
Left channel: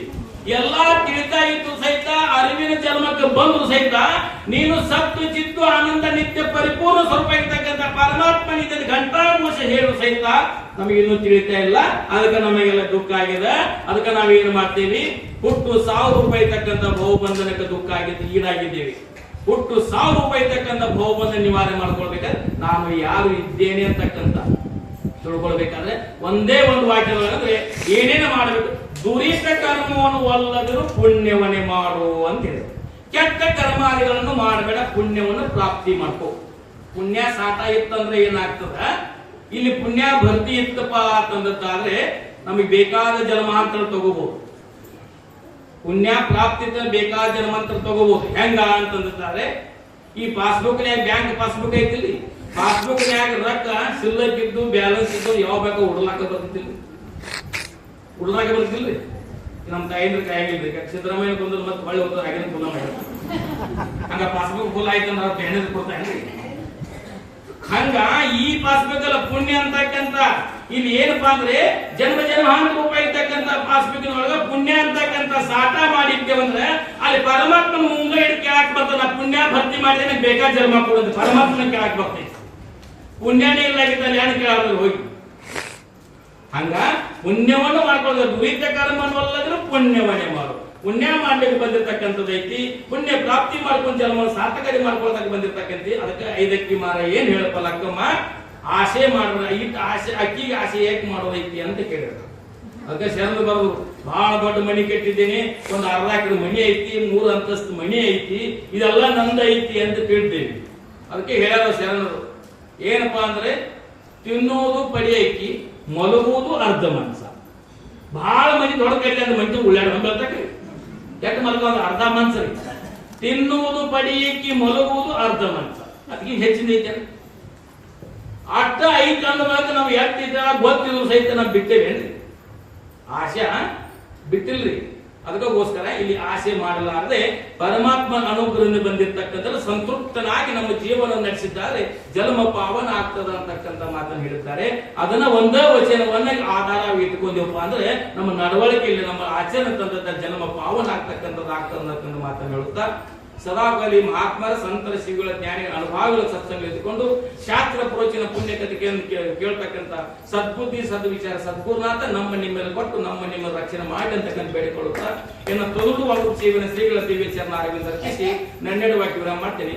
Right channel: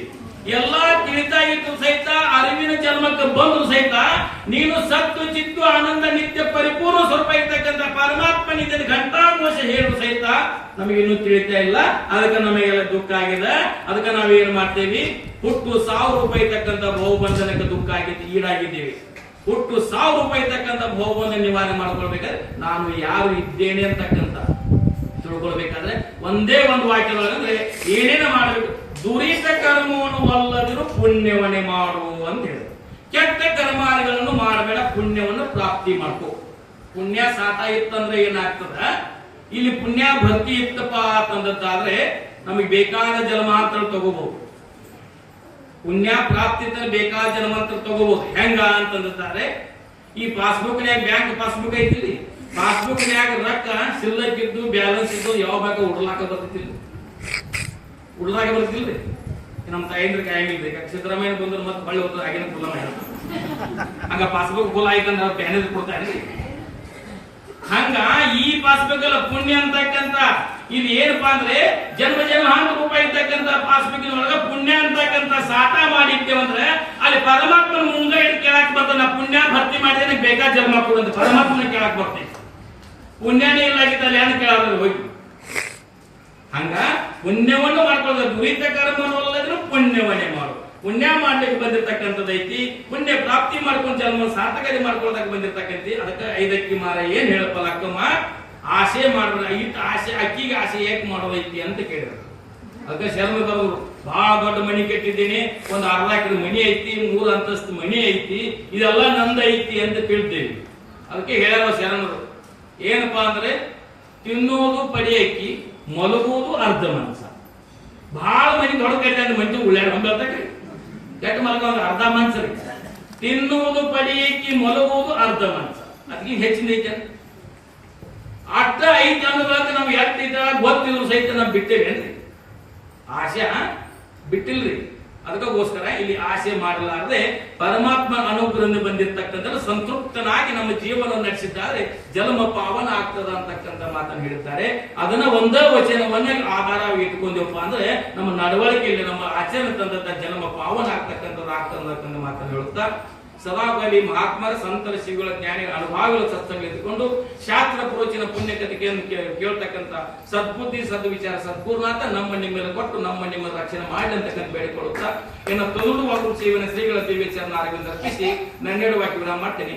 ಎಲ್ಲಾ ತಿಳಿತಾ ಇದ್ದು ಸಹಿತ ಅರಿವಿನ ಜನ್ಮಕ್ಕೆ ಬಂದ್ರು ಸಹಿತ ನೀನು ಸತ್ತು ಚಿತ್ತು ಆನಂದ ನಿತ್ಯ ಪರಿಪೂರ್ಣ ಸ್ವರೂಪ ಇರ್ತಕ್ಕಂಥ ಪರಮಾತ್ಮನಿಂದ ಘಂಟಾಮೋಷ ಹೇಳು ಸಹಿತ ನಮಗಿನ್ನೂ ತಿಳಿತಾ ಇಲ್ಲ. ಅದಕ್ಕೆ ನಮಗೆಲ್ಲ ದುಃಖ ಆಗಿದೆ. ಅದಕ್ಕೆ ನಾವೇನ್ ಮಾಡ್ತೇವಿ? ಹುಟ್ಟು 1000 ರೂಪಾಯಿ ಇರ್ತಕ್ಕಂಥ ಬಹುಬಂಧನಕ್ಕೆ ದುಃಖ ಆಗಿದ್ದು ಈಡಾಗಿದ್ದೇವೆ. ಹುಟ್ಟು 1000 ರೂಪಾಯಿ ಇರ್ತಕ್ಕಂಥ ಬಹುಬಂಧನ ನಿವಾರಣೆ ಮಾಡ್ಕೊಳ್ಬೇಕಾದ್ರೆ ನಾನು ಯಾರು ಇದ್ದೇನೆ ಅಂತಕ್ಕಂಥ ತಿಳ್ಕೊಳ್ಬೇಕಾದ್ರೆ ಒಂದೇ ಒಂದು ವಾಕ್ಯಗಳಂದ್ರೆ ಏನೇನು ಮಾಡಬೇಕು? ದುರಿತ ಕರ್ಮವನ್ನು ಒಲ್ಲದಿರು ಪುಣ್ಯವನ್ನೇ ಮಾಡು ಅಂತ ಹೇಳಿದ್ರು. ಕೆಟ್ಟ ಕರ್ಮಾದಿಗಳನ್ನು ಮಾಡಬೇಡ, ಪುಣ್ಯವನ್ನು ಪ್ರಾಪ್ತಿ ಮಾಡ್ಕೋ. ಪುಣ್ಯ ಸಾಟ ಇತ್ತಂದ್ರೆ ಏನಾಗ್ತದ? ಇಲ್ಲಿ ಪುಣ್ಯ ಭಕ್ತಿ ಇತ್ತಪ್ಪ ಅಂತಂದ್ರೆ ನಮಗೆ ಬೇಕಾದ ಜನ್ಮಾಂತರ ತಗೋಬಹುದು. ಪುಣ್ಯ ಪ್ರಾಪ್ತಿ ಇದ್ದರೆ ಬೇಕಾದ ಜನ್ಮಾಂತರ ತಗೋಬಹುದು. ಹೆಂಗ ಅಂತಂದ್ರೆ ಈ ಪಾಸ್ಬುಕ್ನ್ಯಾಗ ಬ್ಯಾಂಕ್ ಪಾಸ್ಬುಕ್ ಐತಿಲ್ಲಿ, ಪಾಸ್ಬುಕ್ನ್ಯಾಗ ರೊಕ್ಕ ಸಿಲ್ಲಕ್ ಇದ್ದು ಬ್ಯಾಲೆನ್ಸ್ ಇದ್ದು ಯಾವ ಬೇಕಾ ಉಡ್ಲಾಕ ಬರ್ತಿಲ್ಲ, ಉಡ್ಲಾಕ ಬರ್ತಿಲ್ರಿ. ನಮ್ಮ ತಾಯಂದ್ರ ಕಾಯಂಗಿಲ್ರಿ. ಸಿದ್ದರಾಮಯ್ಯ ಬಂದ್ರೆ ಮತ್ತೆ ಹೊಳ್ಳಿ ಹೋದ್ರೆ ಆಗಿನ ಫುಲ್ಲ ಮಾಡಿ ಹಂಗ ಪಾಸ್ಬುಕ್ ಫುಲ್ ಆಯ್ತಂದ್ರೆ ಅವ್ರು ಬ್ಯಾಲೆನ್ಸ್ ಕೊಡ್ತಾರೇನ್ರಿ? ಹಂಗ ಈ ಪಾಸ್ಬುಕ್ ಎಲ್ಲ ಪುಣ್ಯ ಅಂತಕ್ಕಂತ ಇಲ್ಲಿ ಏನಪ್ಪಾ ಅಂದ್ರೆ ಜನ್ಮ ಜನ್ಮ 100 ರೂಪಾಯಿ ಇರ್ತಕ್ಕಂಥ ಪಾಸ್ಬುಕ್ ಒಳಗ ಪುಣ್ಯ ಅಂತಕ್ಕಂಥ ಸಾಟ ಮಾಡಿದ್ದೇವಂದ್ರೆ ಅಲ್ಲಿ ಪರಮಾತ್ಮನ ಮುಂಗ ಹಿಡಿದು ಕೇಳಕ್ ಬರ್ತಾನ. ಪುಣ್ಯ ಭರ್ತಿ ಮಾಡಿದ್ರೆ ನನಗೆ ಬೇಕಾದ ಜನ್ಮ ಕೊಡಂತ ಪರಮಾತ್ಮನ ಕೇಳಕ್ ಬರ್ತೈತಿ. ಪುಣ್ಯನೇ ಇಲ್ಲ ಆಗಿದ್ದಲ್ಲಿ ಏನು ಕೇಳಾದ್ರೆ ಹೋಗಿ. ಹಂಗ ಪುಣ್ಯವನ್ನು ಮಾಡ್ಕೊಳ್ಳೋದು. ದುರಿತ ಕರ್ಮವಲ್ಲದ್ರೂ ಪುಣ್ಯವನ್ನೇ ಮಾಡು. ಪುಣ್ಯ ಮಾಡ್ಲಿಕ್ಕೆ ಬಂದಿರ್ತಕ್ಕಂಥದ್ದೈತಿ. ಪುಣ್ಯ ಪ್ರಾಪ್ತಿ ಮಾಡ್ಕೊಂಡು ಜನ್ಮ ಸಾರ್ಥಕತೆ ಮಾಡ್ಕೊಳ್ಳೋದಕ್ಕೆ ಬಂದಿರ್ತಕ್ಕಂಥ. ಅದಕ್ಕೆ 5 ಮಾರ ಏನ್ ಹೇಳಪ್ಪ ಲಕ್ಕಮ್ಮ? ಆಸೆ ಮಾಡ್ಬೇಡ. ಇಟ್ಟು ಆಸೆ ಅಕ್ಕಿಗೆ ಆಸೆ ಏಕ್ ಮಾಡೋದೈತಿ ಅಂತ ಕೇಳಿದ್ರು. ಅದಕ್ಕೆ ಶರಣರು ಬರೋದು ಬಹಳ ದೊಡ್ಡ ಮನಿ ಕಟ್ಟಿದ್ದೀನಿ, ಒಂದು 1/2 ಎಕರೆ ಮನಿ ಐತಿ, 3 ಅಂತಸ್ತು ಮನಿ ಐತಿ, ಇದೆಲ್ಲ ನಂದ ಐತಿ ಅಂತ ಕೇಳ್ತೇವಿ. ಅದಕ್ಕೆ ಹೇಳ್ಯಾರ ಶರಣರು ಏನಪ್ಪಾ ಅಂದ್ರೆ ತಿನ್ನುವುದು ಪಡಿಯಕ್ಕಿ, ಮಲಗುವುದು ಅರ್ಧ ಮನ್ಸ. ಬಹಳ ಮನಿ ದೊಡ್ಡ ಕಟ್ಟಿ ಅಂದ್ರೆ ಮಂಚ ಉಳ್ಳಾಡ ಬಂದ್ರಿ, ಕೆಟ್ಟ ಮಲಗೋದು ಅರ್ಧ ಮನ್ಸ ರೀ. ತಿನ್ನುವುದು ಪಡಿಯಕ್ಕಿ, ಮಲಗುವುದು ಅರ್ಧ ಮನ್ಸ. ಅದಕ್ಕೆ ಹೆಚ್ಚಿನ ಐತೆ ಅಟ್ಟ ಐತೆ ಅನ್ನೋದಕ್ಕೆ ನಾವು ಎತ್ತಿದ್ದ ಗೊತ್ತಿದ್ರು ಸಹಿತ ನಾವು ಬಿಟ್ಟೇವೇನ್ರಿ? ಆಸೆ ಬಿಟ್ಟಿಲ್ರಿ. ಅದಕ್ಕೋಸ್ಕರ ಇಲ್ಲಿ ಆಸೆ ಮಾಡಲಾರದೆ ಪರಮಾತ್ಮ ಅನುಗ್ರಹದಿಂದ ಬಂದಿರತಕ್ಕಂಥ ಸಂತೃಪ್ತನಾಗಿ ನಮ್ಮ ಜೀವನ ನಡೆಸಿದ್ದಾರೆ ಜನ್ಮ ಪಾವನ ಆಗ್ತದ ಅಂತಕ್ಕಂಥ ಮಾತನ್ನು ಹೇಳಿದ್ದಾರೆ. ಅದನ್ನ ಒಂದೇ ವಚನವನ್ನ ಆಧಾರ ಇಟ್ಕೊಂಡಪ್ಪ ಅಂದ್ರೆ ನಮ್ಮ ನಡವಳಿಕೆಯಲ್ಲಿ ನಮ್ಮ ಆಚರಣೆ ತಂದಂತ ಜನ್ಮ ಪಾವನ ಆಗ್ತಕ್ಕಂಥದ್ದು ಆಗ್ತದ ಅಂತಕ್ಕಂಥ ಮಾತನ್ನು ಹೇಳುತ್ತಾ ಸದಾಕಾಲಿ ಮಹಾತ್ಮರ ಸಂತರ ಶ್ರೀಗಳ ಜ್ಞಾನಿಗಳ ಅನುಭವಗಳ ಸತ್ಸಂಗ ಎತ್ಕೊಂಡು ಶಾಸ್ತ್ರ ಪ್ರೋಚಿನ ಪುಣ್ಯ ಕಥೆಯನ್ನು ಕೇಳ್ತಕ್ಕಂಥ ಸದ್ಬುದ್ಧಿ ಸದ್ವಿಚಾರ ಸದ್ಗುರುನಾಥ ನಮ್ಮ ನಿಮ್ಮೆಲ್ಲ ಕೊಟ್ಟು ನಮ್ಮ ನಿಮ್ಮ ರಕ್ಷಣೆ ಮಾಡಿ ಅಂತಕ್ಕಂಥ ಬೇಡಿಕೊಳ್ಳುತ್ತಾ ಇನ್ನು ತೊಲುಡುವ ಜೀವನ ಶ್ರೀಗಳ ದಿವ್ಯ ಚರಣ ಅರವಿಂದ ಅರ್ಪಿಸಿ ನನ್ನೆರಡು ವಾಕ್ಯ ಮಾಡ್ತೇನೆ.